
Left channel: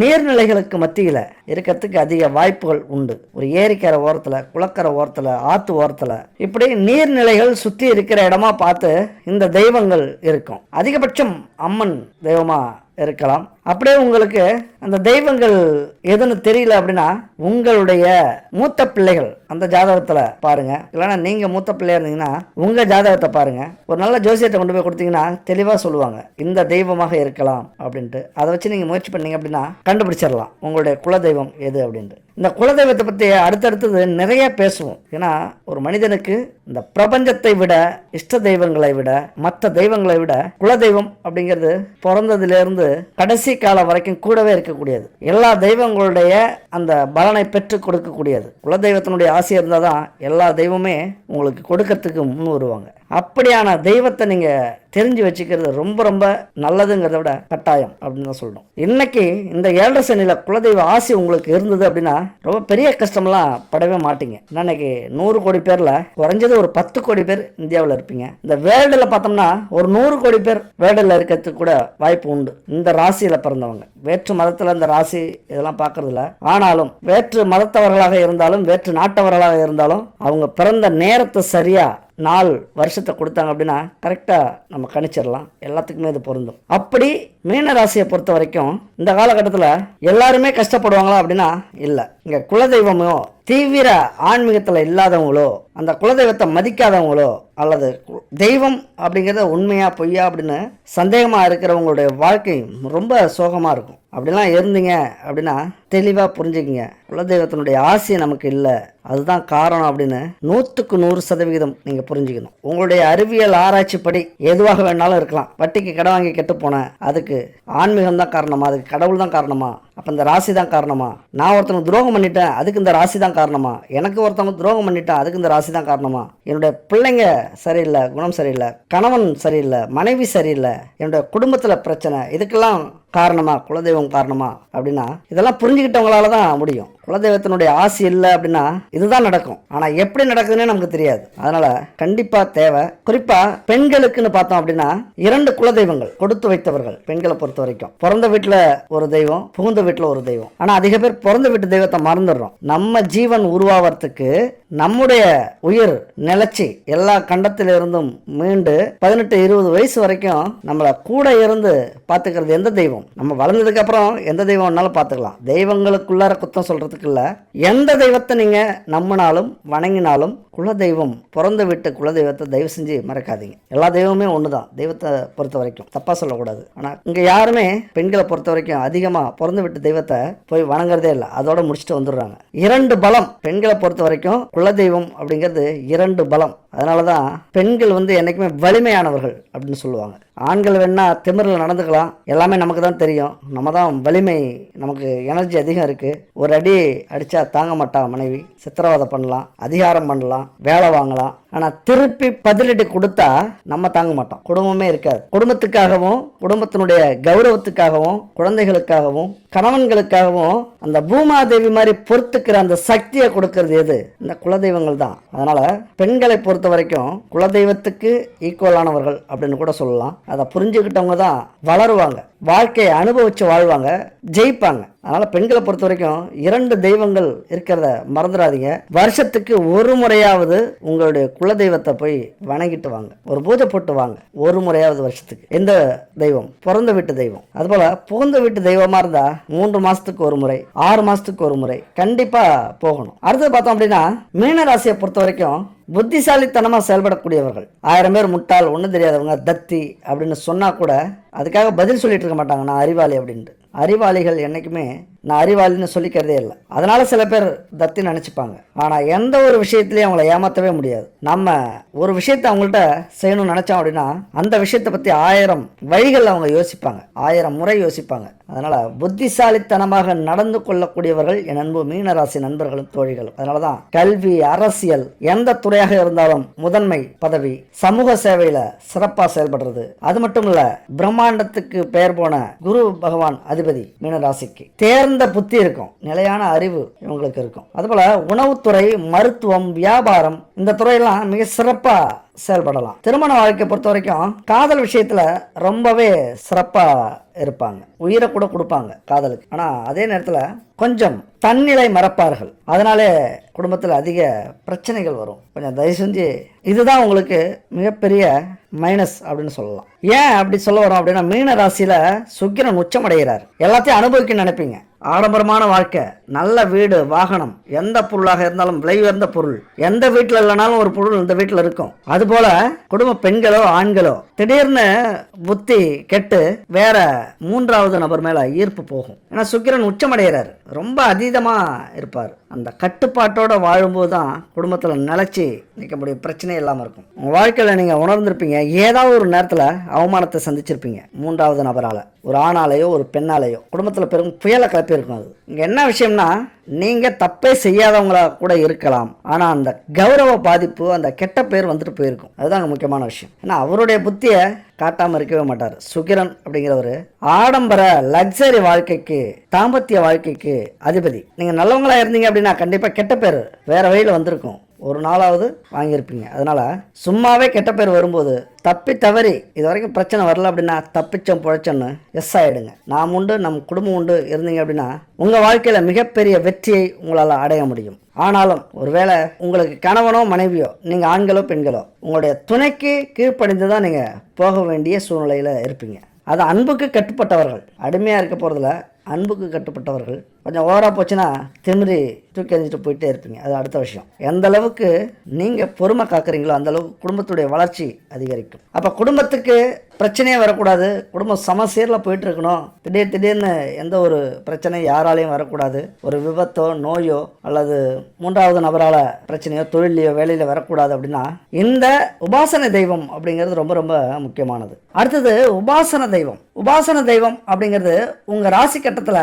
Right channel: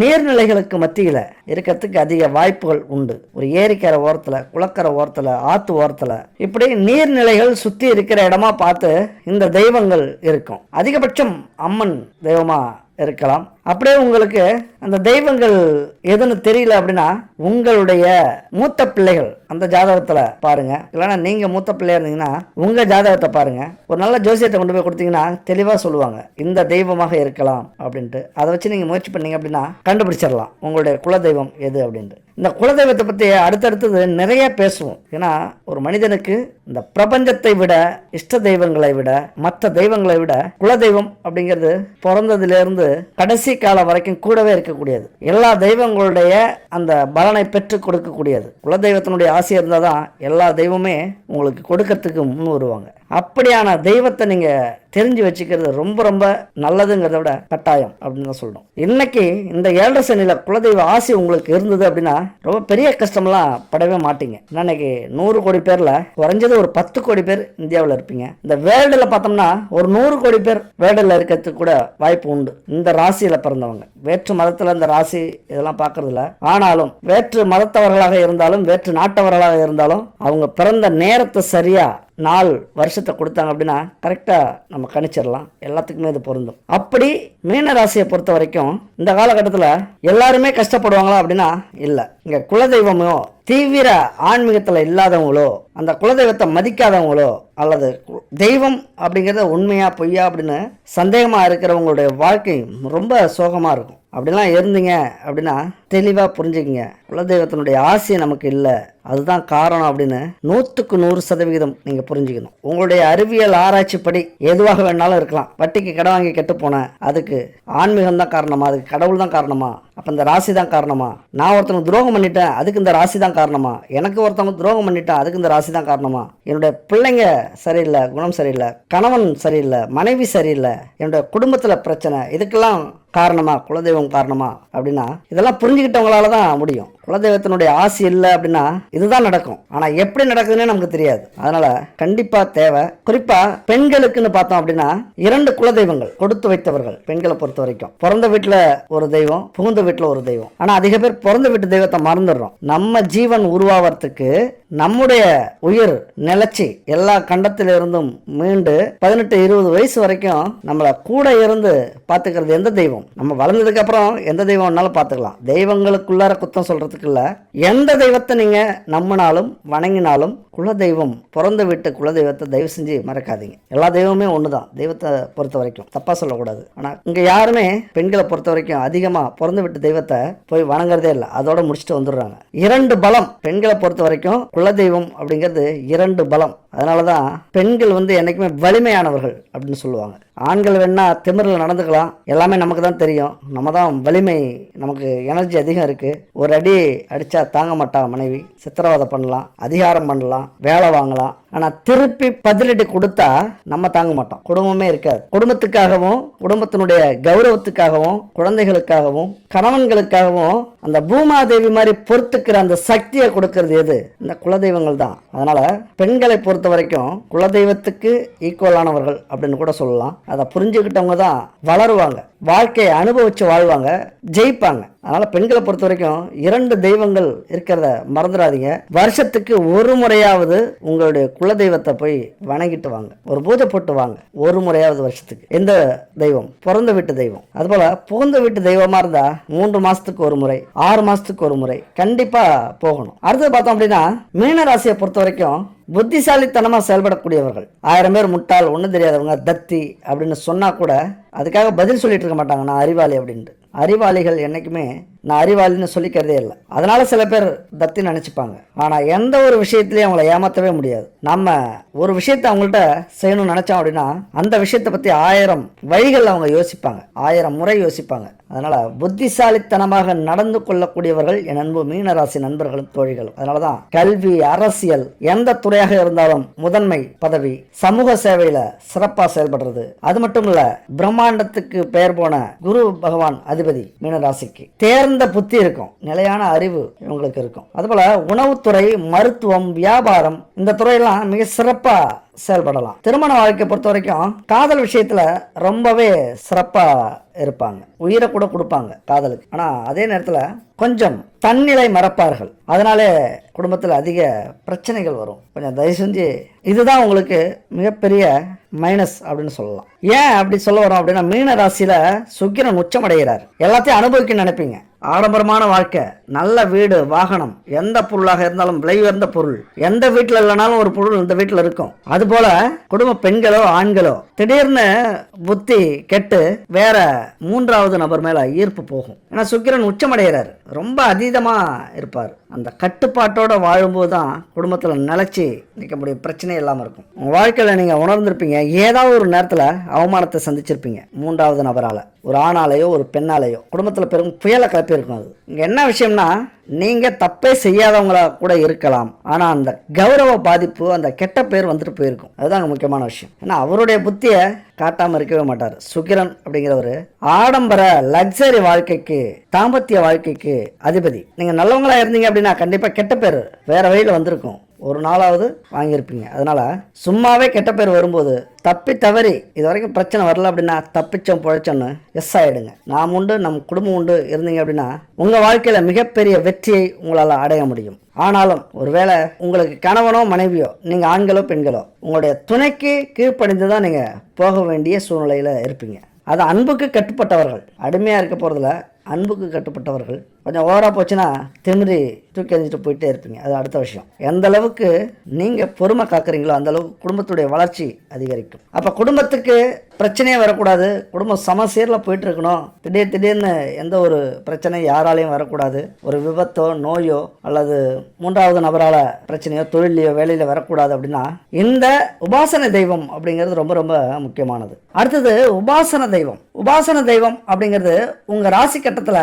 நீர்நிலைகளுக்கு மத்தியில இருக்கிறதுக்கு அதிக வாய்ப்புகள் உண்டு. ஒரு ஏரிக்கரை ஓரத்துல, குளக்கரை ஓரத்துல, ஆத்து ஓரத்துல, இப்படி நீர்நிலைகள் சுத்தி இருக்கிற இடமா பார்த்து இந்த தெய்வங்கள் இருக்கும். அதிகபட்சம் அம்மன் தெய்வமா இருக்கலாம். அப்படியே உங்களுக்கு அந்த தெய்வங்கள் எதுன்னு தெரியல அப்படின்னா உங்களுடைய மூத்த பிள்ளைகள் அந்த ஜாதகத்துல பாருங்க. இல்லைன்னா நீங்க மூத்த பிள்ளையா இருந்தீங்கன்னா உங்க ஜாதகத்தை பாருங்க. ஒரு நல்ல ஜோசியத்தை கொண்டு போய் கொடுத்தீங்கன்னா தெளிவா சொல்லுவாங்க இந்த தெய்வமாக இருக்கலாம் அப்படின்ட்டு. அதை வச்சு நீங்க முயற்சி பண்ணீங்க அப்படின்னா கண்டுபிடிச்சிடலாம் உங்களுடைய குலதெய்வம் எது அப்படின்ட்டு. இந்த குலதெய்வத்தை பத்தி அடுத்தடுத்தது நிறைய பேசுவோம். ஏன்னா ஒரு மனிதனுக்கு இந்த பிரபஞ்சத்தை விட, இஷ்ட தெய்வங்களை விட, மற்ற தெய்வங்களை விட குலதெய்வம் அப்படிங்கிறது பிறந்ததுல இருந்து கடைசி காலம் வரைக்கும் கூடவே இருக்கக்கூடியது. எல்லா தெய்வங்களுடைய அந்த பலனை பெற்று கொடுக்கக்கூடியது. குலதெய்வத்தினுடைய ஆசை இருந்தாதான் எல்லா தெய்வமே உங்களுக்கு கொடுக்கறதுக்கு முன் வருவாங்க. அப்படியான தெய்வத்தை நீங்க தெரிஞ்சு வச்சுக்கிறது ரொம்ப ரொம்ப நல்லதுங்கிறத விட கட்டாயம் அப்படின்னு சொல்றோம். இன்னைக்கு இந்த 7 சனியில குலதெய்வ ஆசை உங்களுக்கு இருந்தது அப்படின்னா ரொம்ப பெரிய கஷ்டம்லாம் படவே மாட்டீங்க. இன்னைக்கு 100 கோடி பேர்ல குறைஞ்சது ஒரு 10 கோடி பேர் இந்தியாவில் இருப்பீங்க. இந்த வேர்ல்டுல பார்த்தோம்னா ஒரு 100 கோடி பேர் வேர்ல்டுல இருக்கிறதுக்கு கூட வாய்ப்பு உண்டு. இந்த ராசியில பிறந்தவங்க வேற்று மதத்துல இந்த ராசி இதெல்லாம் பார்க்கறது இல்ல. ஆனாலும் வேற்று மதத்தவர்களாக இருந்தாலும் வேற்று நாட்டவர்களாக இருந்தாலும் அவங்க பிறந்த நேரத்தை சரியா நாள் வருஷத்தை கொடுத்தாங்க அப்படின்னா கரெக்டா நம்ம கணிச்சிடலாம். எல்லாத்துக்குமே இது பொருந்தும். அப்படி மீன ராசியை பொறுத்த வரைக்கும் இந்த காலகட்டத்துல எல்லாருமே கஷ்டப்படுவாங்களா அப்படின்னா இல்ல. இங்க குலதெய்வமோ தீவிர ஆன்மீகத்துல இல்லாதவங்களோ, அந்த குலதெய்வத்தை மதிக்காதவங்களோ, அல்லது தெய்வம் அப்படிங்கறத உண்மையா பொய்யா அப்படின்னு சந்தேகமா இருக்கிறவங்களுடைய வாழ்க்கை ரொம்ப சோகமா இருக்கும். அப்படிலாம் இருந்தீங்க அப்படின்னா தெளிவா புரிஞ்சுக்கிங்க, குலதெய்வத்தினுடைய ஆசை நமக்கு இல்லை, அதுதான் காரணம் அப்படின்னு 100க்கு 100% நீங்க புரிஞ்சுக்கணும். உங்களுடைய அறிவியல் ஆராய்ச்சி படி எதுவாக வேணாலும் இருக்கலாம். வட்டிக்கு கடன் வாங்கி கெட்டு போன அதுக்கு ஆன்மீகம் தான் காரணமா, அதுக்கு கடவுள் தான் காரணமா, அப்ப இந்த ராசி தான் காரணமா, நான் ஒருத்தவங்க துரோகம் பண்ணிட்டேன் அதுக்கு இந்த ராசி தான் காரணமா, எனக்கு ஒருத்தவங்க துரோகம் பண்ணிட்டேன் அதுக்கு இந்த ராசி தான் காரணமா, என்னுடைய பிள்ளைங்க சரியில்லை, குணம் சரியில்லை, கணவன் சரியில்லை, மனைவி சரியில்லை, என்னுடைய குடும்பத்துல பிரச்சனை, இதுக்கெல்லாம் காரணமா குலதெய்வம் காரணமா அப்படின்னா இதெல்லாம் புரிஞ்சுக்கிட்டவங்களாலதான் முடியும். குலதெய்வத்தினுடைய ஆசை இல்லை அப்படின்னா இதுதான் நடக்கும். ஆனா எப்படி நடக்குதுன்னே நமக்கு தெரியாது. அதனால கண்டிப்பா தேவை. குறிப்பா பெண்களுக்குன்னு பார்த்தோம் அப்படின்னா 2 குலதெய்வங்கள் கொடுத்து வைத்தவர்கள். பெண்களை பொறுத்த வரைக்கும் பிறந்த வீட்டுல ஒரு தெய்வம், புகுந்த வீட்டுல ஒரு தெய்வம். ஆனா அதிக பேர் பிறந்த வீட்டு தெய்வத்தை மறந்துடுறோம். நம்ம ஜீவன் உருவாவதுக்கு நம்முடைய உயிர் நிலைச்சி எல்லா கண்டத்தில இருந்தும் மீண்டு 18-20 வயசு வரைக்கும் நம்மள கூட இருந்து பாத்துக்கிறது எந்த தெய்வம்? நம்ம வளர்ந்ததுக்கு அப்புறம் எந்த தெய்வம் வேணாலும் பாத்துக்கலாம். தெய்வங்களுக்குள்ளார குத்தம் சொல்றதுக்கு இல்ல. எந்த தெய்வத்தை நீங்க நம்பினாலும் வணங்கினாலும் குலதெய்வம், பிறந்த வீட்டு குலதெய்வத்தை தயவு செஞ்சு மறக்காதீங்க. எல்லா தெய்வமே ஒண்ணுதான் தெய்வத்தை பொறுத்த வரைக்கும், தப்பா சொல்லக்கூடாது. ஆனா இங்க யாருமே பெண்களை பொறுத்த வரைக்கும் அதிகமா பிறந்த வீட்டு தெய்வத்தை போய் வணங்குறதே இல்லை, அதோட முடிச்சுட்டு வந்துடுறாங்க. 2 பலம் பெண்களை பொறுத்த வரைக்கும். குலதெய்வம் அப்படிங்கிறது 2 பலம். அதனாலதான் பெண்கள் என்னைக்குமே வலிமையானவர்கள் அப்படின்னு சொல்லுவாங்க. ஆண்கள் வேணா திமிரில் நடந்துக்கலாம், எல்லாமே நமக்கு தான் தெரியும். நம்ம தான் வலிமை, நமக்கு எனர்ஜி அதிகம் இருக்கு. ஒரு அடி அடிச்சா தாங்க மாட்டா மனைவி, சித்திரவதை பண்ணலாம், அதிகாரம் பண்ணலாம், வேலை வாங்கலாம். ஆனா திருப்பி பதிலடி கொடுத்தா நம்ம தாங்க மாட்டோம், குடும்பமே இருக்காது. குடும்பத்துக்காகவும், குடும்பத்தினுடைய கௌரவத்துக்காகவும், குழந்தைகளுக்காகவும், கணவன்களுக்காகவும் அந்த பூமாதேவி மாதிரி பொறுத்துக்கிற அந்த சக்தியை கொடுக்கறது எது? இந்த குலதெய்வங்கள் தான். அதனால பெண்களை பொறுத்த வரைக்கும் குலதெய்வத்துக்கு ஈக்குவலானவர்கள் அப்படின்னு கூட சொல்லலாம். அதை புரிஞ்சுக்கிட்டவங்க தான் வளருவாங்க, வாழ்க்கையை அனுபவிச்சு வாழ்வாங்க, ஜெயிப்பாங்க. அதனால பெண்களை பொறுத்த வரைக்கும் 2 தெய்வங்கள் இருக்கிறத மறந்துடாதீங்க. வருஷத்துக்கு ஒரு முறையாவது உங்களுடைய குலதெய்வத்தை போய் வணங்கிட்டு வாங்க, ஒரு பூஜை போட்டு வாங்க. ஒரு முறையாவது வருஷத்துக்கு. எந்த தெய்வம்? பிறந்த வீட்டு தெய்வம். அதுபோல புகுந்த வீட்டு தெய்வமா இருந்தா 3 மாசத்துக்கு ஒரு முறை, 6 மாசத்துக்கு ஒரு முறை கண்டிப்பா போகணும். அடுத்தது பார்த்தோம் அப்படின்னா மீன ராசியை பொறுத்த வரைக்கும் புத்திசாலித்தனமா செயல்படக்கூடியவர்கள். 1000 பேர் முட்டாள், ஒண்ணு தெரியாதவங்க, தத்தி அப்படின்னு சொன்னா கூட அதுக்காக பதில் சொல்லிட்டு இருக்க மாட்டாங்க, நான் அறிவாளி அப்படின்ட்டு. அறிவாளிகள் என்னைக்குமே நான் அறிவாளின்னு சொல்லிக்கிறதே இல்லை. அதனால சில பேர் தத்தி நினைச்சுப்பாங்க. ஆனா எந்த ஒரு விஷயத்திலயும் அவங்களை ஏமாத்தவே முடியாது. நம்ம ஒரு விஷயத்த அவங்கள்ட்ட செய்யணும்னு நினைச்சோம் அப்படின்னா அந்த விஷயத்தை பத்தி 1000 வழிகள் அவங்க யோசிப்பாங்க, 1000 முறை யோசிப்பாங்க. அதனால புத்திசாலித்தனமாக நடந்து கொள்ளக்கூடியவர்கள் என் அன்பு மீனராசி நண்பர்களும் தோழிகளும். அதனாலதான் கல்வி, அரசியல், எந்த துறையாக இருந்தாலும் முதன்மை பதவி, சமூக சேவையில சிறப்பா செயல்படுறது. அது மட்டும் இல்ல, பிரம்மாண்டத்துக்கு பெயர் போன குரு பகவான் அதிபதி மீனராசிக்கு. தேர்ந்த புத்தி இருக்கும், நிலையான அறிவு இவங்களுக்கு இருக்கும். அதுபோல உணவுத்துறை, மருத்துவம், வியாபாரம், இந்த துறையெல்லாம் மிக சிறப்பா செயல்படலாம். திருமண வாழ்க்கை பொறுத்த வரைக்கும் காதல் விஷயத்துல ரொம்பவே சிறப்பா இருப்பாங்க, உயிரை கூட கொடுப்பாங்க காதலுக்கு. ஆனா அதே நேரத்துல கொஞ்சம் தன்னிலை மறப்பார்கள். அதனாலே குடும்பத்துல அதிக பிரச்சனைகள் வரும். கொஞ்சம் தயவு செஞ்சு, இதுதான் உங்களுக்கு மிகப்பெரிய மைனஸ் அப்படின்னு சொல்லலாம். ஏன் அப்படி சொல்ல வரோம் அப்படின்னா, மீன ராசியில சுக்கிரன் உச்சமடைகிறார். எல்லாத்தையும் அனுபவிக்க நினைப்பீங்க. ஆடம்பரமான வாழ்க்கை, நல்ல வீடு, வாகனம், எந்த பொருளாக இருந்தாலும் விலை உயர்ந்த பொருள், எந்த வீட்டுல இல்லைனாலும் ஒரு பொருள் இந்த வீட்டுல இருக்கும். அது போல குடும்ப பெண்களோ ஆண்களோ திடீர்னு புத்தி கெட்டு வேற 3வது நபர் மேல ஈர்ப்பு போகும். ஏன்னா சுக்கிரன் உச்சமடைகிறார், ரொம்ப அதீதமா இருப்பார். அந்த கட்டுப்பாட்டோட வாழும்போதுதான் குடும்பத்துல நிலைச்சி நிற்க முடிய பிரச்சனை இல்லாம இருக்கும். உங்க வாழ்க்கையில நீங்க உணர்ந்திருப்பீங்க, ஏதாவது ஒரு நேரத்துல அவமானத்தை சந்திச்சிருப்பீங்க 3வது நபரால, ஒரு ஆணாலேயோ ஒரு பெண்ணாலேயோ. குடும்பத்துல பெரும் புயலை கிளப்பி இருக்கும். அது என்ன விஷயம்னா, நீங்க தப்பே செய்யாதவங்களா கூட இருக்கலாம், ஆனா அந்த கௌரவ பாதிப்பு, அந்த கெட்ட பேர் வந்துட்டு போயிருக்கும். அதுதான் முக்கியமான விஷயம். ஏன்னா அவருடைய புத்திய காட்டாம இருக்கவே மாட்டாரு. சுக்கிரன் அப்படிங்கிறவரு ஆடம்பர லக்ஸரி வாழ்க்கைக்கு, தாம்பத்திய வாழ்க்கைக்கு அதிபதி. நீங்க நல்லவங்களா இருந்தீங்க அப்படின்னா கண்டிப்பா கெட்ட பேர் வேற வழியில வந்திருக்கும், ஒரு நாளாவது வாங்கியிருப்பீங்க. அதனால சும்மாவே கெட்ட பேர் வரும்போது தப்பி தவறி இது வரைக்கும் பிரச்சனை வரல அப்படின்னா தப்பிச்சோம் பிழைச்சோன்னு எஸ் ஆயிடுங்க. நாம் உண்டு, நம் குடும்பம் உண்டு இருந்தீங்க அப்படின்னா உங்க வாழ்க்கையில மிகப்பெரிய வெற்றியை உங்களால அடைய முடியும். ஆனாலும் ஒருவேளை உங்களுக்கு கணவனோ மனைவியோ, நீங்க ஆண்களோ பெண்களோ, உங்களுடைய துணைக்கு கீழ்ப்படிந்துதான் நீங்க போக வேண்டிய சூழ்நிலையில இருப்பீங்க. அது அன்புக்கு கட்டுப்பட்டவர்கள், அடிமையா இருக்க போறதுல அன்புக்கு கட்டுப்பட்டவர்கள். கொஞ்சம் ஓவரா போச்சுன்னா திமிரி தூக்கி எறிஞ்சிட்டு போயிட்டே இருப்பீங்க. அது அடுத்த விஷயம். எந்த அளவுக்கு நீங்க பொறுமை காக்குறீங்களோ அந்த அளவுக்கு குடும்பத்துடைய வளர்ச்சி அதிகரிக்கும். அப்ப குடும்பத்துக்கு பிரச்சனையே வரக்கூடாது, குடும்பம் சமசீர்ல போயிட்டு இருக்கணும். திடீர்னு எந்த ஒரு பிரச்சனையும் யாராலையும் வரக்கூடாது. ஒரு விபத்தோ நோயோ அல்லது 3வது நபரால பிரச்சனையோ தொழிலையோ வேலையில வரக்கூடாது அப்படின்னா இந்த உபாசன தெய்வம் அப்படிங்கிறது ரொம்ப ரொம்ப முக்கியமானது. அடுத்தது உபாசன தெய்வம். உபாசன தெய்வம் அப்படிங்கிறது உங்க ராசி கட்டத்துல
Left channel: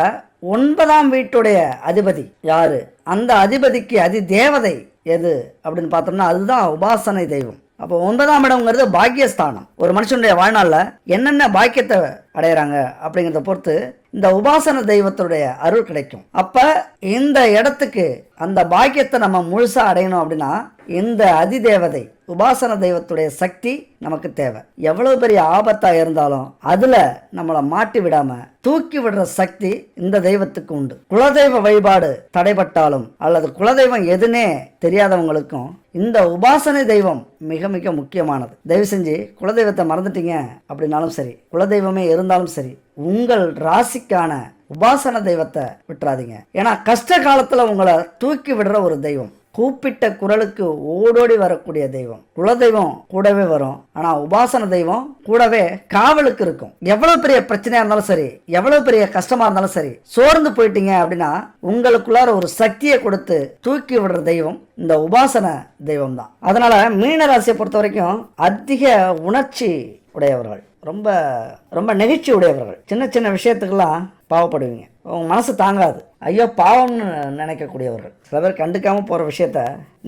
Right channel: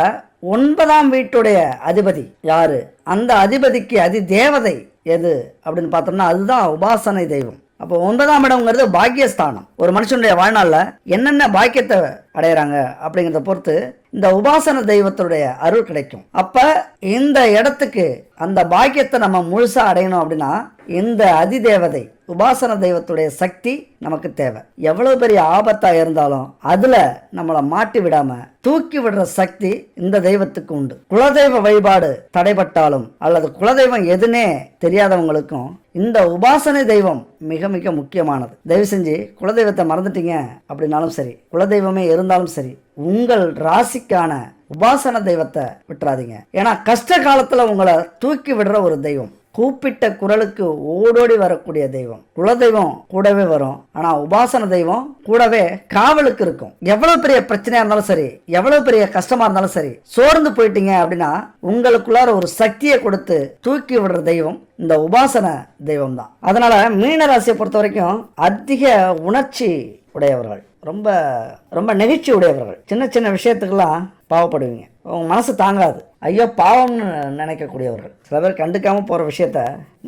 9ஆம் வீட்டுடைய அதிபதி யாரு, அந்த அதிபதிக்கு அதி தேவதை எது அப்படின்னு பார்த்தோம்னா அதுதான் உபாசனை தெய்வம். அப்போ 9ஆம் இடம்ங்கிறது பாக்கியஸ்தானம். ஒரு மனுஷனுடைய வாழ்நாள்ல என்னென்ன பாக்கியத்தை அடையறாங்க அப்படிங்கறத பொறுத்து இந்த உபாசன தெய்வத்துடைய அருள் கிடைக்கும். அப்ப இந்த இடத்துக்கு அந்த பாக்கியத்தை நம்ம முழுசா அடையணும் அப்படின்னா இந்த அதிதேவதை உபாசன தெய்வத்துடைய சக்தி நமக்கு தேவை. எவ்வளவு பெரிய ஆபத்தா இருந்தாலும் அதுல நம்மளை மாட்டி விடாம தூக்கி விடுற சக்தி இந்த தெய்வத்துக்கு உண்டு. குலதெய்வ வழிபாடு தடைபட்டாலும் அல்லது குலதெய்வம் எதுனே தெரியாதவங்களுக்கும் இந்த உபாசனை தெய்வம் மிக மிக முக்கியமானது. தயவு செஞ்சு குலதெய்வத்தை மறந்துட்டீங்க அப்படின்னாலும் சரி, குலதெய்வமே இருந்தாலும் சரி, உங்கள் ராசிக்கான உபாசன தெய்வத்தை விட்டுறாதீங்க. ஏன்னா கஷ்ட காலத்துல உங்களை தூக்கி விடுற ஒரு தெய்வம், கூப்பிட்ட குரலுக்கு ஓடோடி வரக்கூடிய தெய்வம். குலதெய்வம் கூடவே வரும், ஆனா உபாசன தெய்வம் கூடவே காவலுக்கு இருக்கும். எவ்வளவு பெரிய பிரச்சனையா இருந்தாலும் சரி, எவ்வளவு பெரிய கஷ்டமா இருந்தாலும் சரி, சோர்ந்து போயிட்டீங்க அப்படின்னா உங்களுக்குள்ளார ஒரு சக்தியை கொடுத்து தூக்கி விடுற தெய்வம் இந்த உபாசன தெய்வம் தான். அதனால மீனராசியை பொறுத்த வரைக்கும் அதிக உணர்ச்சி உடையவர்கள், ரொம்ப ரொம்ப நெகிழ்ச்சி உடையவர்கள். சின்ன சின்ன விஷயத்துக்கெல்லாம் பாவப்படுவீங்க, உங்க மனசு தாங்காது, ஐயா பாவம்னு நினைக்கக்கூடியவர்கள். சில பேர் கண்டுக்காம போற விஷயத்த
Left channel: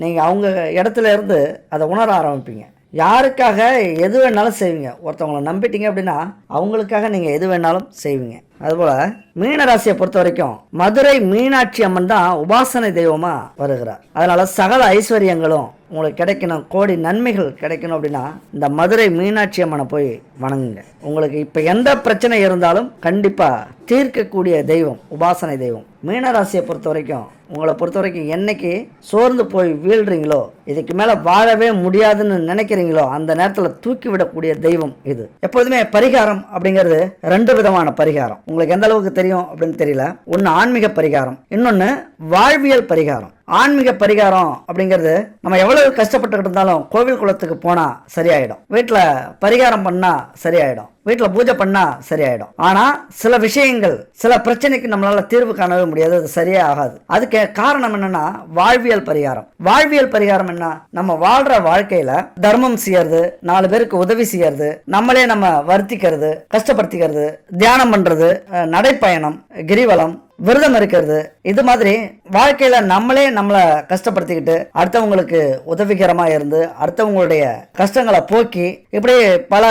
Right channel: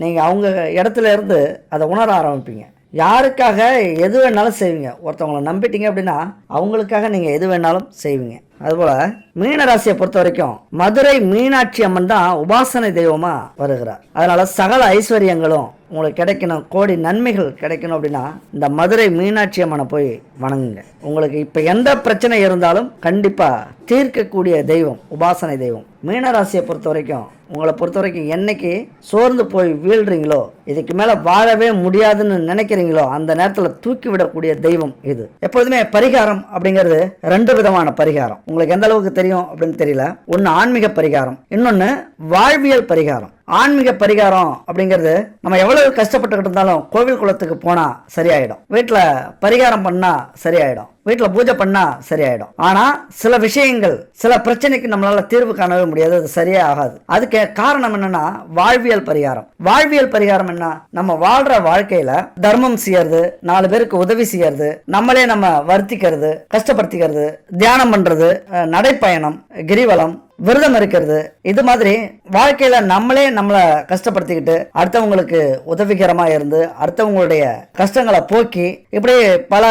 நீங்க அவங்க இடத்துல இருந்து அதை உணர ஆரம்பிப்பீங்க. யாருக்காக எது வேணாலும் செய்வீங்க. ஒருத்தவங்களை நம்பிட்டீங்க அப்படின்னா அவங்களுக்காக நீங்க எது வேணாலும் செய்வீங்க. அதுபோல மீனராசியை பொறுத்த வரைக்கும் மதுரை மீனாட்சி அம்மன் தான் உபாசனை தெய்வமா வருகிறார். அதனால சகல ஐஸ்வர்யங்களும் உங்களுக்கு கிடைக்கணும், கோடி நன்மைகள் கிடைக்கணும் அப்படின்னா இந்த மதுரை மீனாட்சி அம்மனை போய் வணங்குங்க. உங்களுக்கு இப்ப எந்த பிரச்சனை இருந்தாலும் கண்டிப்பா தீர்க்கக்கூடிய தெய்வம் உபாசனை தெய்வம். மீனராசியை பொறுத்த வரைக்கும், உங்களை பொறுத்த வரைக்கும் என்னைக்கு சோர்ந்து போய் வீழ்றீங்களோ, இதுக்கு மேல வாழவே முடியாதுன்னு நினைக்கிறீங்களோ, அந்த நேரத்துல தூக்கி விடக்கூடிய தெய்வம் இது. எப்போதுமே பரிகாரம் அப்படிங்கிறது 2 விதமான பரிகாரம். உங்களுக்கு எந்த அளவுக்கு தெரியும் அப்படின்னு தெரியல. ஒன்னு ஆன்மீக பரிகாரம், இன்னொன்னு வாழ்வியல் பரிகாரம். ஆன்மீக பரிகாரம் அப்படிங்கிறது நம்ம எவ்வளவு கஷ்டப்பட்டுக்கிட்டு இருந்தாலும் கோவில் குளத்துக்கு போனா சரியாயிடும், வீட்டுல பரிகாரம் பண்ணா சரியாயிடும், வீட்டுல பூஜை பண்ணா சரியாயிடும். ஆனா சில விஷயங்கள், சில பிரச்சனைக்கு நம்மளால தீர்வு காணவே முடியாது, அது சரியே ஆகாது. அதுக்கு காரணம் என்னன்னா வாழ்வியல் பரிகாரம். வாழ்வியல் பரிகாரம் என்ன? நம்ம வாழ்ற வாழ்க்கையில தர்மம் செய்யறது, 4 பேருக்கு உதவி செய்யறது, நம்மளே நம்ம வருத்திக்கிறது, கஷ்டப்படுத்திக்கிறது, தியானம் பண்றது, நடைப்பயணம், கிரிவலம், விரதம் இருக்கிறது, இது மாதிரி வாழ்க்கையில நம்மளே நம்மளை கஷ்டப்படுத்திக்கிட்டு அடுத்தவங்களுக்கு உதவிகரமா இருந்து அடுத்தவங்களுடைய கஷ்டங்களை போக்கி இப்படி பல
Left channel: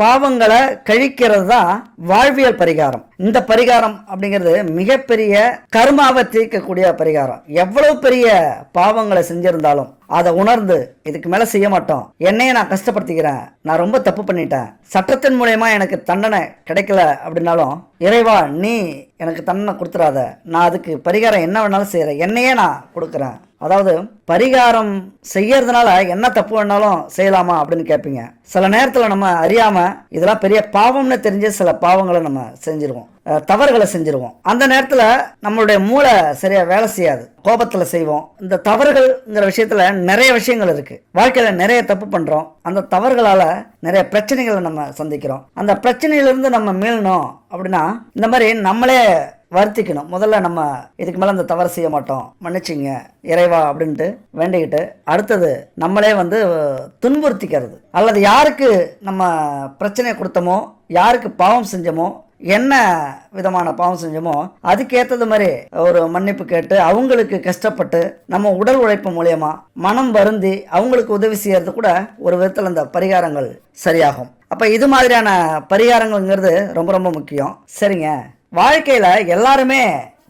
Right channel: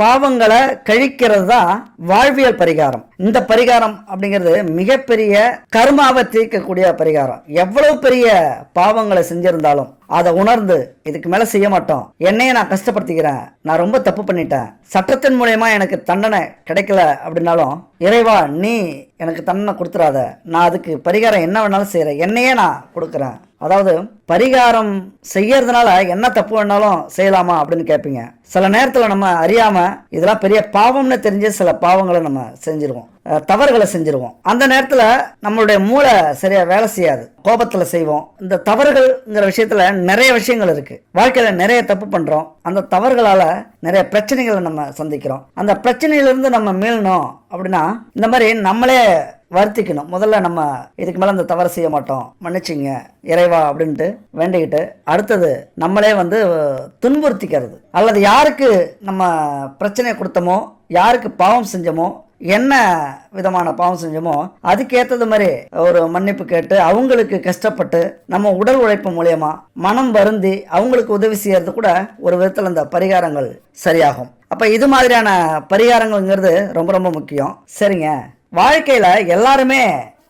பாவங்களை கழிக்கிறது தான் வாழ்வியல் பரிகாரம். இந்த பரிகாரம் அப்படிங்கிறது மிகப்பெரிய கர்மாவை தீர்க்கக்கூடிய பரிகாரம். எவ்வளவு பெரிய பாவங்களை செஞ்சிருந்தாலும் அதை உணர்ந்து இதுக்கு மேல செய்ய மாட்டோம், என்னையே நான் கஷ்டப்படுத்திக்கிறேன், நான் ரொம்ப தப்பு பண்ணிட்டேன், சட்டத்தின் மூலயமா எனக்கு தண்டனை கிடைக்கல அப்படின்னாலும் இறைவா நீ எனக்கு தண்டனை கொடுத்துறாத, நான் அதுக்கு பரிகாரம் என்ன வேணாலும் செய்யறேன், என்னையே நான் கொடுக்குறேன். அதாவது பரிகாரம் செய்யறதுனால என்ன தப்பு வேணாலும் செய்யலாமா அப்படின்னு கேட்பீங்க. சில நேரத்துல நம்ம அறியாம இதெல்லாம் பெரிய பாவம்னு தெரிஞ்ச சில பாவங்களை நம்ம செஞ்சிருவோம், தவறுகளை செஞ்சிருவோம். அந்த நேரத்துல நம்மளுடைய மூளை சரியா வேலை செய்யாது, கோபத்துல செய்வோம். இந்த தவறுகள்ங்கிற விஷயத்துல நிறைய விஷயங்கள் இருக்கு. வாழ்க்கையில நிறைய தப்பு பண்றோம், அந்த தவறுகளால நிறைய பிரச்சனைகளை நம்ம சந்திக்கிறோம். அந்த பிரச்சனையிலிருந்து நம்ம மீளணும் அப்படின்னா இந்த மாதிரி நம்மளே வருத்திக்கணும். முதல்ல நம்ம இதுக்கு மேல அந்த தவறு செய்ய மாட்டோம், மன்னிச்சுங்க இறைவா அப்படின்ட்டு வேண்டிக்கிட்டு அடுத்தது நம்மளே துன்புறுத்திக்கிறது, அல்லது யாருக்கு நம்ம பிரச்சனையை கொடுத்தோமோ, யாருக்கு பாவம் செஞ்சோமோ, என்ன விதமான பாவம் செஞ்சோமோ அதுக்கு ஏற்றது மாதிரி ஒரு மன்னிப்பு கேட்டு அவங்களுக்கு கஷ்டப்பட்டு நம்ம உடல் உழைப்பு மூலியமா மனம் வருந்தி அவங்களுக்கு உதவி செய்யறது கூட ஒரு விதத்துல இந்த பரிகாரங்கள் சரியாகும். அப்ப இது மாதிரியான பரிகாரங்கள்ங்கிறது ரொம்ப ரொம்ப முக்கியம். சரிங்க, வாழ்க்கையில எல்லாருமே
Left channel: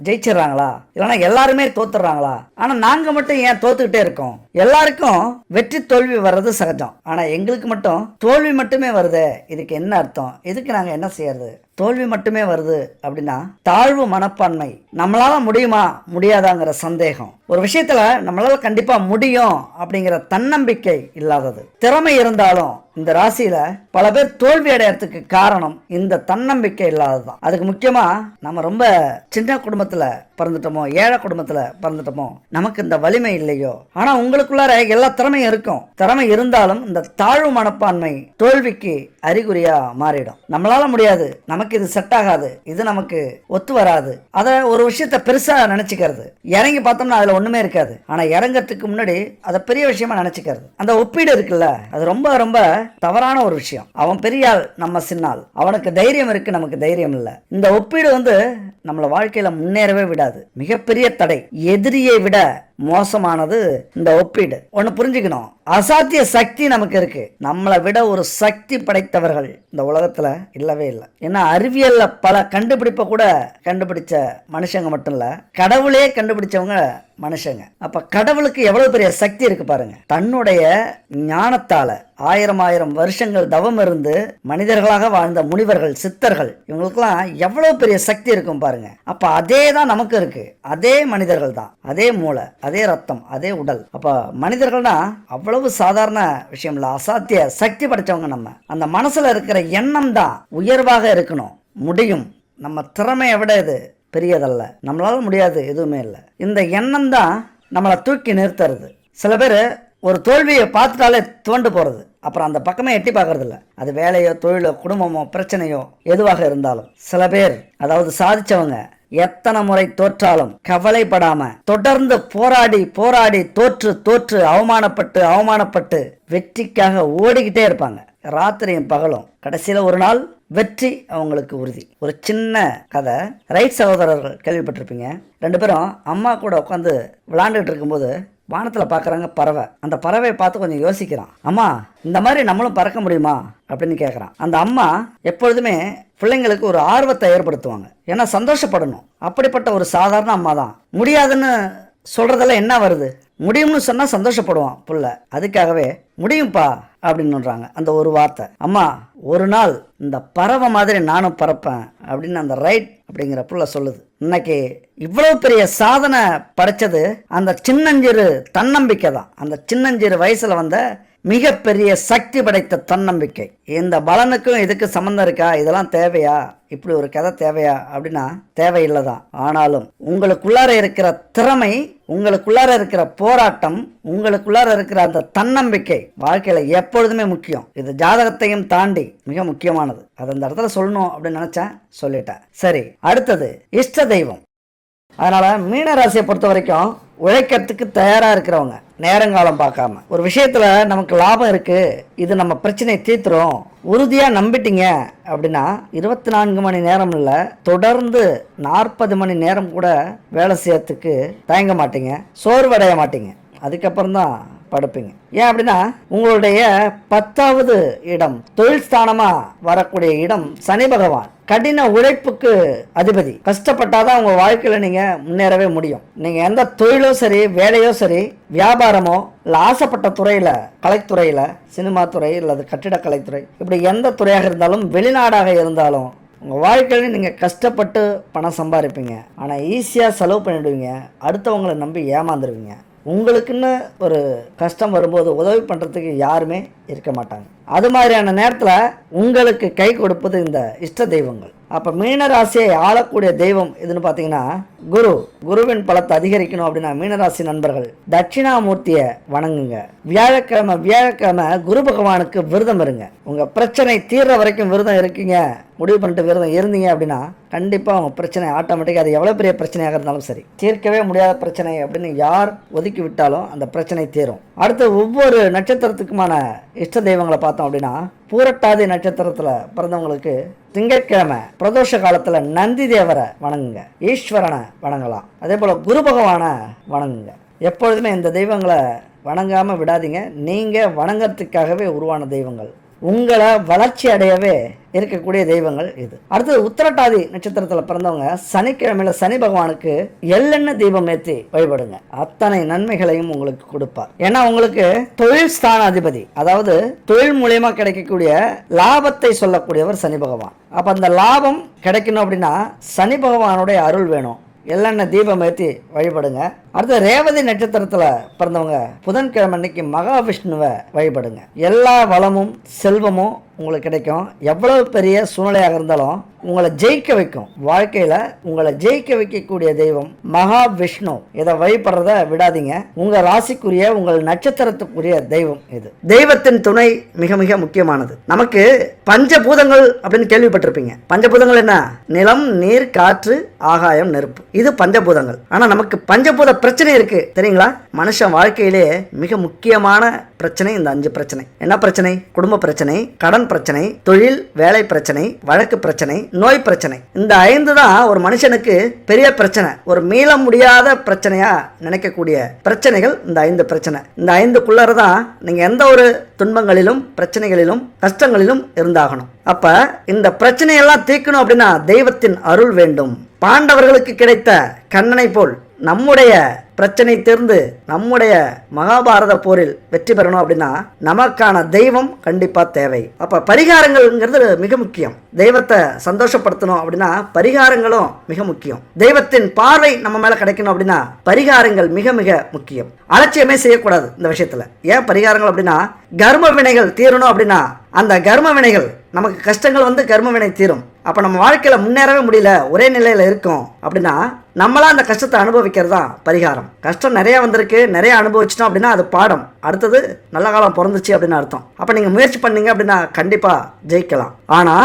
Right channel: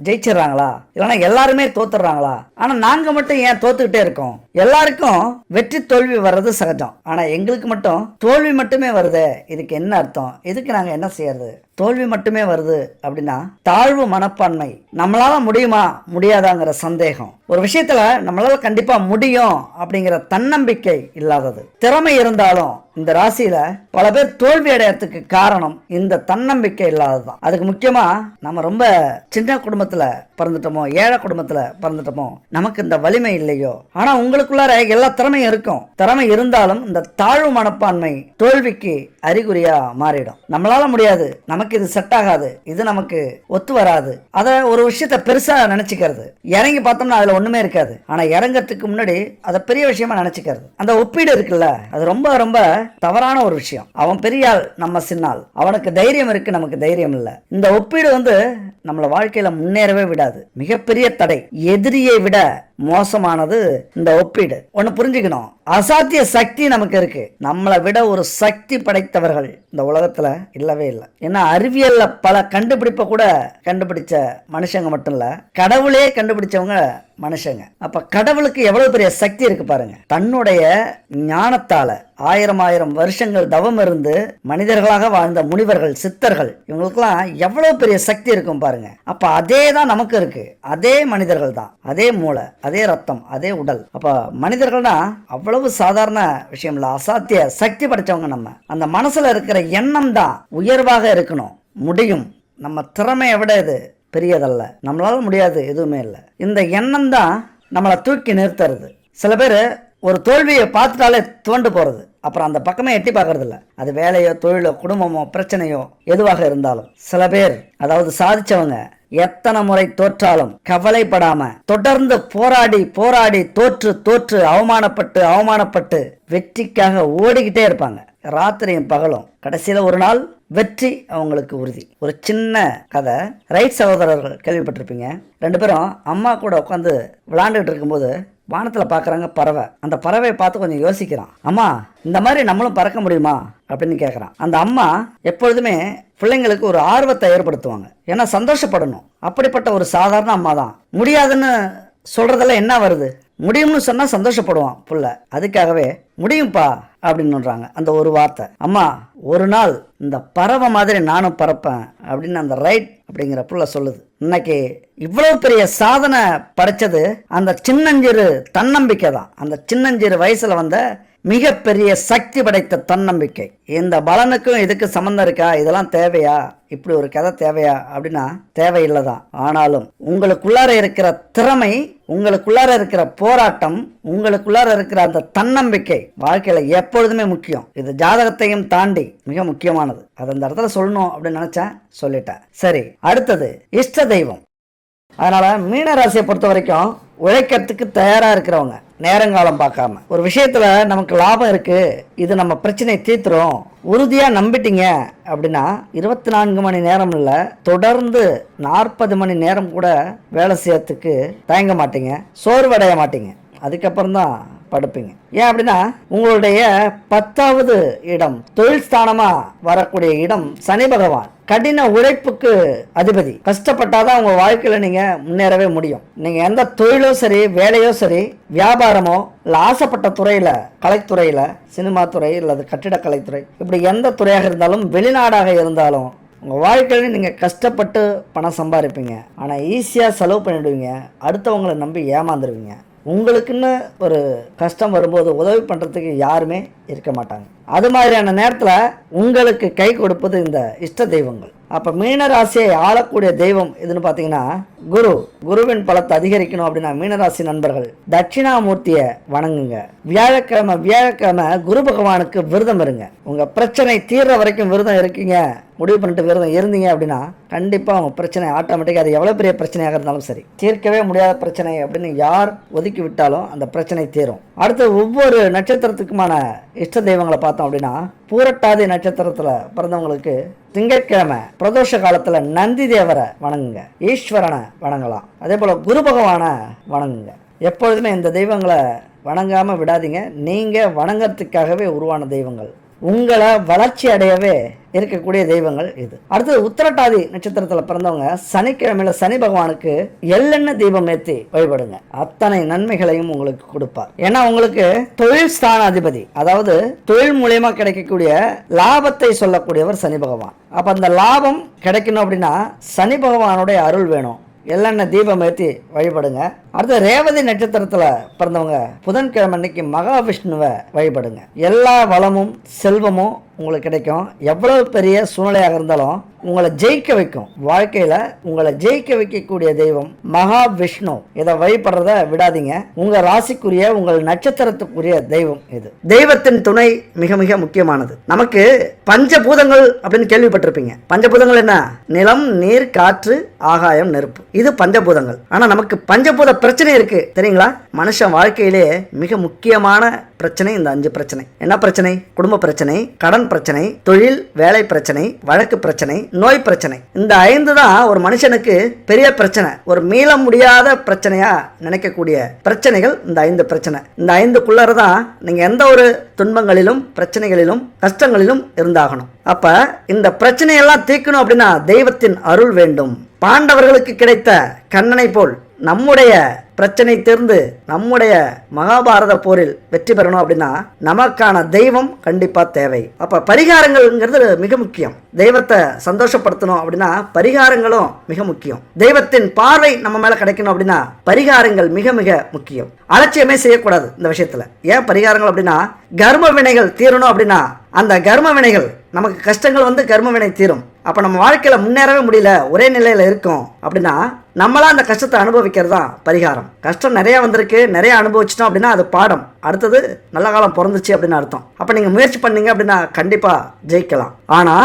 ஜெயிச்சிடறாங்களா, இல்லைன்னா எல்லாருமே தோத்துடுறாங்களா? ஆனா நாங்க மட்டும் ஏன் தோத்துக்கிட்டே இருக்கோம்? எல்லாருக்கும் வெற்றி தோல்வி வர்றது சகஜம், ஆனா எங்களுக்கு மட்டும் தோல்வி மட்டுமே வருது. இதுக்கு என்ன அர்த்தம்? இதுக்கு நாங்க என்ன செய்யறது? தோல்வி மட்டுமே வருது அப்படின்னா தாழ்வு மனப்பான்மை, நம்மளால முடியுமா முடியாதாங்கிற சந்தேகம், ஒரு விஷயத்துல நம்மளால கண்டிப்பா முடியும் அப்படிங்கிற தன்னம்பிக்கை இல்லாதது. திறமை இருந்தாலும் இந்த ராசியில பல பேர் தோல்வி அடையறதுக்கு காரணம் இந்த தன்னம்பிக்கை இல்லாததுதான். அதுக்கு முக்கியமா நம்ம ரொம்ப சின்ன குடும்பத்துல பிறந்துட்டோமோ, ஏழை குடும்பத்துல பிறந்துட்டோமோ, நமக்கு இந்த வலிமை இல்லையோ. ஆனா உங்களுக்குள்ளார எல்லா திறமையும் இருக்கும், திறமை இருந்தாலும் இந்த தாழ்வு மனப்பான்மை தோல்விக்கு அறிகுறியா மாறிடும். நம்மளால முடியாது, நமக்கு இது செட் ஆகாது, இது நமக்கு ஒத்து வராது, அத ஒரு விஷயத்த பெருசா நினைச்சுக்கிறது. இறங்கி பார்த்தோம்னா அதுல ஒண்ணுமே இருக்காது, ஆனா இறங்கறதுக்கு முன்னாடி அதை பெரிய விஷயமா நினைச்சுக்கிறது. அந்த ஒப்பீடு இருக்குல்ல, அது ரொம்ப ரொம்ப தவறான ஒரு விஷயம். அவன் பெரிய ஆள், நம்ம சின்ன ஆள், அவனுக்கு தைரியம் இருக்கு, நமக்கு தைரியம் இல்ல. இந்த ஒப்பீடு நம்மள வாழ்க்கையில முன்னேறவே விடாது, மிகப்பெரிய தடை. எதிரியை விட மோசமானது இந்த ஒப்பீடு. ஒண்ணு புரிஞ்சுக்கணும், அசாத்திய சக்தி நமக்கு இருக்கு, நம்மளை விட ஒரு சக்தி படைத்தவர்கள் இந்த உலகத்துல இல்லவே இல்லை. ஏன்னா அறிவியல்ல பல கண்டுபிடிப்ப கூட கண்டுபிடிச்ச மனுஷங்க மட்டும் இல்ல, கடவுளே கண்டுபிடிச்சவங்க மனுஷங்க. அப்ப கடவுளுக்கு எவ்வளவு பெரிய சக்தி இருக்கு பாருங்க. தன்னுடைய ஞானத்தால 1000 வருஷங்கள் தவம் இருந்து மனிதர்களாக வாழ்ந்த முனிவர்கள், சித்தர்கள், இவங்களுக்கெல்லாம் எவ்வளவு பெரிய சக்தி இருக்கும் பாருங்க. அப்ப அதே தான் நமக்கு இருக்கு, அதே மனிதர்கள் தான், அதே மூளை, அதே ரத்தம், அதே உடல். அப்ப மனிதர்கள்னா அவ்வளவு சாதாரண விஷயம் இல்ல, அசாத்திய சக்தி படைச்சவங்க. நம்ம அந்த மனசுல இருக்கிற எண்ணம் தான் உயர்வாக இருக்கணும், முடியும், நம்ம திறமையை விட இது பெரியதல்ல, நம்மளால முடியாது எதுவுமே இல்லை, இந்த எண்ணம் தான் நம்மளை தூக்கி நிறுத்துறது. சில பேர் ஒரு தோல்வியை பார்த்துட்டாலே துவண்டு போறது, அப்புறம் அந்த பக்கமே எட்டி பார்க்கறது இல்ல. அது வேலையோ தொழிலோ குடும்பமோ பிரச்சனையோ எதுவாக இருந்தாலும். சில பேர், அதாவது சாதிச்சவங்க, எத்தனை முறை தோற்றாலும் கவலைப்படாம தொடர்ந்து போராடி போராடி தோற்று தோற்று அவமானப்பட்டு வெற்றிக்காக ஓடிக்கிட்டே இருப்பாங்க, ராத்திரியும் பகலும். கடைசியில ஒரு நாள் வெற்றி அவங்களுக்கு உறுதி. ஒரு சின்ன கதை, ரைட் சகோதரர்கள் கேள்விப்பட்டிருப்பீங்க. 2 பேரும் அம்மா கூட உட்காந்து விளையாண்டுட்டு இருக்கும்போது வானத்துல பாக்குறாங்க பறவை. அந்த பறவையை பார்த்து கொஞ்சம் யோசிக்கிறான், அம்மா இந்த மாதிரி நம்மளும் பறக்க முடியுமா அப்படின்னு கேக்குறான். அந்த அம்மா எப்பொழுதுமே பிள்ளைங்களுக்கு ஒரு ஆர்வத்தை ஏற்படுத்துவாங்க, ஏன்னா சந்தோஷப்படணும். அப்படிப்பட்ட ஒரு சாதாரண அம்மா தான். முடியாதுன்னு சொல்றதெல்லாம் என்ன வருது, முடியும்னு சொன்னா சந்தோஷப்படுவான் புள்ள. அதுக்காகவே முடியும்பா அப்படின்னு அந்த ஒரு வார்த்தை. அம்மா ஒரு நாள் இந்த பறவை மாதிரி நானும் பறப்பேன் அப்படின்னு அந்த ரைட் அப்படிங்கிற புள்ள சொல்லுது. இன்னைக்கு இவ்வளவு பெரிய சாதனை படைச்சது அந்த சின்னஞ்சிறு தன்னம்பிக்கை தான். அந்த சின்னஞ்சிறு வயசுல வந்த மிகப்பெரிய சக்தி படைத்த தன்னம்பிக்கை. இந்த பலனுக்கும் இதுக்கு சம்பந்தம் இருக்கா? இதெல்லாம் தேவையா? இப்படி ஒரு கதை தேவையா அப்படின்னா தேவையில்லைதான். ஆனாலும் உங்களுக்குள்ளார இருக்கிற திறமை, உங்களுக்குள்ளார இருக்கிற போராட்டம், உங்களுக்குள்ளார இருக்கிற அந்த தன்னம்பிக்கை வாழ்க்கையில எப்பொழுதுமே முக்கியம். இது ஜாதகத்தையும் தாண்டி மிக முக்கியமானது. அது அந்த இடத்துல சொல்லணும் அப்படின்னு நினைச்சேன், சொல்லிட்டேன். சரி, அடுத்தது இஷ்ட தெய்வம். அதனால மீன ராசியை பொறுத்த வரைக்கும் உழைக்கிறதுக்கு தயாரா இருக்கிறவங்க, நேரங்காலம் பார்க்காம ஒரு விஷயத்துல நமக்கு லாபம் இருக்கு, இது நம்ம பிரச்சனையை தீர்த்துரும் உறுதியா நம்பிட்டீங்க அப்படின்னா 24 மணி நேரம் இல்ல, தொடர்ந்து 40 மணி நேரம் கூட வேலை செய்யறதுக்கு தயங்க மாட்டீங்க, சோர்வடைய மாட்டீங்க. அதுக்கப்புறம் தான் படுப்பீங்க. ஏன் அப்படின்னா உங்களுடைய 10வது இடம், தொழில் ஸ்தானமா வரக்கூடிய இடம் சனி பகவான். கடின உழைப்புக்கு அதிபதி. கஷ்டப்பட்டாதான் உங்க வாழ்க்கையில நீங்க முன்னேறவே முடியும். நீங்க எந்த தொழிலோ சரி, வேலையோ சரி, வியாபாரமோ இல்ல ஆசைப்பட்ட துறையில, கலைத்துறையில, சினிமா துறை அல்லது கட்டிடக்கலைத்துறை, இப்படி எந்த துறையாக இருந்தாலும், வெளிநாடாக இருந்தாலும், உங்க வாழ்க்கையில நீங்க கஷ்டப்பட்டு பணம் சம்பாதிப்பீங்க. ஆனா ஈஸியா செலவு பண்ணிடுவீங்க, அடுத்தவங்களை நம்பி ஏமாந்துருவீங்க. உங்களுக்குன்னு ஒரு கஷ்டம் வரும்போது உதவி பண்றதுக்கு யாருமே இருக்க மாட்டாங்க. அது மாதிரியான நேரத்துல உங்களுக்கு கை கொடுப்பது இந்த இஷ்ட தெய்வங்கள். அப்ப மீனராசியை ஆளக்கூடிய தெய்வம் எதுன்னு பாத்தீங்கன்னா குரு. குருவின் பலத்தை அதிகரிக்கணும் அப்படின்னா மீனராசி நண்பர்கள் தட்சிணாமூர்த்திய வணங்குங்க. வியாழக்கிழமை குரு பகவானுக்கு விரதம் இருங்க. உங்க பிரச்சனை தீர்ற வரைக்கும் விரதம் இருக்கீங்க, முடிவு பண்ணிட்டு விரதம் இருந்தீங்க அப்படின்னா கண்டிப்பா உங்க பிரச்சனை ஆட்டோமேட்டிக்கா, அது எவ்வளவு பெரிய பிரச்சனையாக இருந்தாலும் சரி, தீர்க்கவே முடியாத பிரச்சனை அப்படின்னு யார் ஒதுக்கி விட்டாலும் அந்த பிரச்சனை தீரும். அடுத்த ஒவ்வொரு நட்சத்திரத்துக்குமான இஷ்ட தெய்வங்களை பார்த்தோம் அப்படின்னா பூரட்டாதி நட்சத்திரத்துல பிறந்தவங்களுக்கு திங்கட்கிழமை பிரதோஷ காலத்துல நந்தி தேவரை வணங்குங்க, ஈஸ்வரனை வணங்கலாம். அதே போல குரு பகவான வணங்குங்க. எப்பொழுதுமே இந்த தெய்வங்களை வணங்காம விடாதீங்க. நீங்க வணங்கறதுக்காகவே உருவான தெய்வங்கள், உங்களை வளர்ச்சி அடையவே இருக்கக்கூடிய தெய்வங்கள் இது. அடுத்தது உத்திரட்டாதி நட்சத்திரத்துல பிறந்தவங்க சனிக்கிழமையில சனி பகவானுக்கு எள்ளெண்ணெய் தீபம் ஏற்றி வழிபடுங்க. அத்தனை நன்மைகளையும் உங்களுக்கு கொடுப்பார். ஏன்னா உங்களுக்கு தொழில் ஸ்தான அதிபதி, அதாவது தொழில் மூலியமா கிடைக்கக்கூடிய லாபத்தை சொல்லக்கூடியவர் சனி பகவான். அப்ப அந்த லாபம் கிடைக்கணும் அப்படின்னா சனி பகவானுடைய அருள் வேணும். எள்ளெண்ணெய் தீபம் ஏற்றி வழிபடுங்க. அடுத்து ரேவதி நட்சத்திரத்துல பிறந்தவங்க புதன்கிழமை அன்னைக்கு மகாவிஷ்ணுவை வழிபடுங்க. எல்லா வளமும் செல்வமும் உங்களுக்கு கிடைக்கும். எவ்வளவு பெரிய சூழ்நிலையாக இருந்தாலும் உங்களை ஜெயிக்க வைக்கும். வாழ்க்கையில உங்களை ஜெயிக்க வைக்கக்கூடிய தெய்வம் மகாவிஷ்ணு. இதை வழிபடுறத விடாதீங்க. உங்க ராசிக்குரிய, உங்கள் நட்சத்திரத்துக்குரிய தெய்வம் இது. தெய்வத்தின் துணை மிக மிக முக்கியமானது. நமக்கு பஞ்சபூதங்கள் அப்படின்னு கேள்விப்பட்டிருப்பீங்க. பஞ்சபூதங்கள் என்ன? நிலம், நீர், காற்று, ஆகாயம், நெருப்பு. இது பஞ்சபூதங்கள். ஆனா நமக்கு பஞ்சபூத பிரச்சனை இருக்கு தெரியுங்களா? மனுஷன் வாழ்க்கையிலே மிக முக்கியமான பிரச்சனை இந்த 5 பிரச்சனை. என்ன பிரச்சனை? குடும்ப பிரச்சனை, கடன் பிரச்சனை, தொழில் வேலை பிரச்சனை, வழக்கு பிரச்சனை, நோய் பிரச்சனை. இந்த 5 தான் ஒரு மனுஷனுக்கு பெரிய பிரச்சனை. ஒரு மீள முடியாத பிரச்சனையா நினைக்கக்கூடிய பிரச்சனைகள் இந்த 5 பிரச்சனை. இந்த 5க்குள்ளதான் நீங்க எந்த ஒரு துன்பங்களிலும், பிரச்சனைகளிலும், கஷ்டங்களிலும் இருந்தாகணும். அப்ப இந்த பிரச்சனையெல்லாம் தீர்க்கணும் அப்படின்னா தெய்வத்தின் அருள் வேண்டும். பாண்டவர்களுக்கு கிடைத்த கண்ணனை போல் நம்முடைய பிரச்சனை தீர்ந்து நம்முடைய மகாபாரத போரில் வெற்றி பெறணும் அப்படின்னா நமக்கான தெய்வம் கண்டிப்பா தேவை. அப்ப பரிகாரங்கள்ங்கிறது மிக முக்கியம். தெய்வத்தை சந்தோஷப்படுத்தணும் அப்படின்னா பரிகாரங்களும் மிக முக்கியம். தெய்வத்தின் பார்வை நம்ம மேல கிடைக்கணும் அப்படின்னா பரிகாரங்கள் மிக மிக முக்கியம். அலட்சியமே செய்யக்கூடாது இந்த விஷயத்துல. ஏன் பரிகாரங்கள் அப்படின்னா கர்ம வினைகள் தீரணும் அப்படின்னா அந்த கர்ம வினைகள், நமக்கு கஷ்டங்கள் வந்து கர்ம வினை தீரும். அப்ப நம்ம வாழ்க்கையில முன்னேறவே முடியல, ஒரே நிலையில இருக்கும் அப்படின்னா நம்மளா அந்த கஷ்டத்தை அனுபவிக்கிறதா பரிகாரம். கஷ்டம் நிறைய வந்திருக்கு, நிறைய அனுபவிச்சிட்டோம் அப்படின்னா அது பாடம். அடுத்தது நல்ல காலம் பிறந்துச்சு அப்படின்னு அர்த்தம். அப்ப நீங்க முயற்சி பண்ணீங்க அப்படின்னா கண்டிப்பா ஜெயிக்கலாம். ஆனா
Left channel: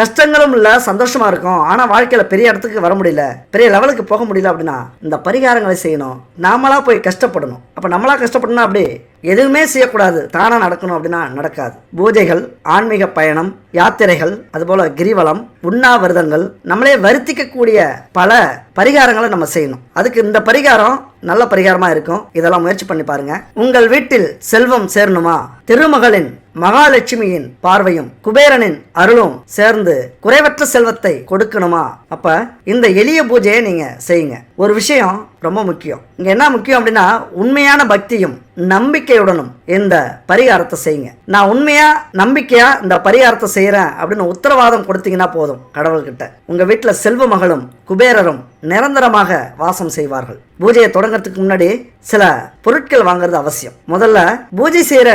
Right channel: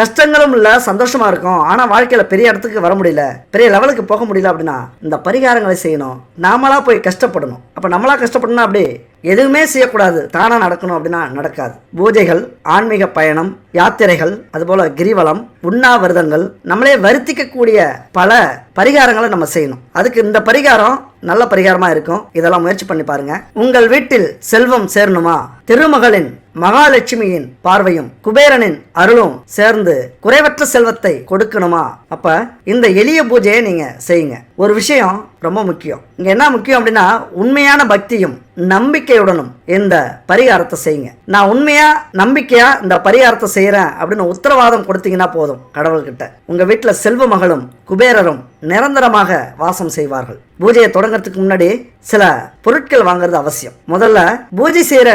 கஷ்டங்களும் இல்ல, சந்தோஷமா இருக்கும். ஆனா வாழ்க்கையில பெரிய இடத்துக்கு வர முடியல, பெரிய லெவலுக்கு போக முடியல அப்படின்னா இந்த பரிகாரங்களை செய்யணும். நாமளா போய் கஷ்டப்படணும். அப்ப நம்மளா கஷ்டப்படணும், அப்படி எதுவுமே செய்யக்கூடாது, தானா நடக்கணும் அப்படின்னா நடக்காது. பூஜைகள், ஆன்மீக பயணம், யாத்திரைகள், அதுபோல கிரிவலம், உண்ணாவிரதங்கள், நம்மளே வருத்திக்கக்கூடிய பல பரிகாரங்களை நம்ம செய்யணும். அதுக்கு இந்த பரிகாரம் நல்ல பரிகாரமா இருக்கும். இதெல்லாம் முயற்சி பண்ணி பாருங்க. உங்கள் வீட்டில் செல்வம் சேரணுமா? திருமகளின் மகாலட்சுமியின் பார்வையும் குபேரனின் அருளும் சேர்ந்து குறைவற்ற செல்வத்தை கொடுக்கணுமா? அப்ப இந்த எளிய பூஜையை நீங்க செய்யுங்க. ஒரு விஷயம் ரொம்ப முக்கியம். இங்க என்ன முக்கியம் அப்படின்னா உண்மையான பக்தியும் நம்பிக்கையுடனும் இந்த பரிகாரத்தை செய்யுங்க. நான் உண்மையா நம்பிக்கையா இந்த பரிகாரத்தை செய்யறேன் அப்படின்னு உத்தரவாதம் கொடுத்தீங்கன்னா போதும். கடவுள்கிட்ட உங்க வீட்டுல செல்வ மகளும் குபேரரும் நிரந்தரமாக வாசம் செய்வார்கள். பூஜையை தொடங்கறதுக்கு முன்னாடி சில பொருட்கள் வாங்குறது அவசியம். முதல்ல பூஜை செய்யற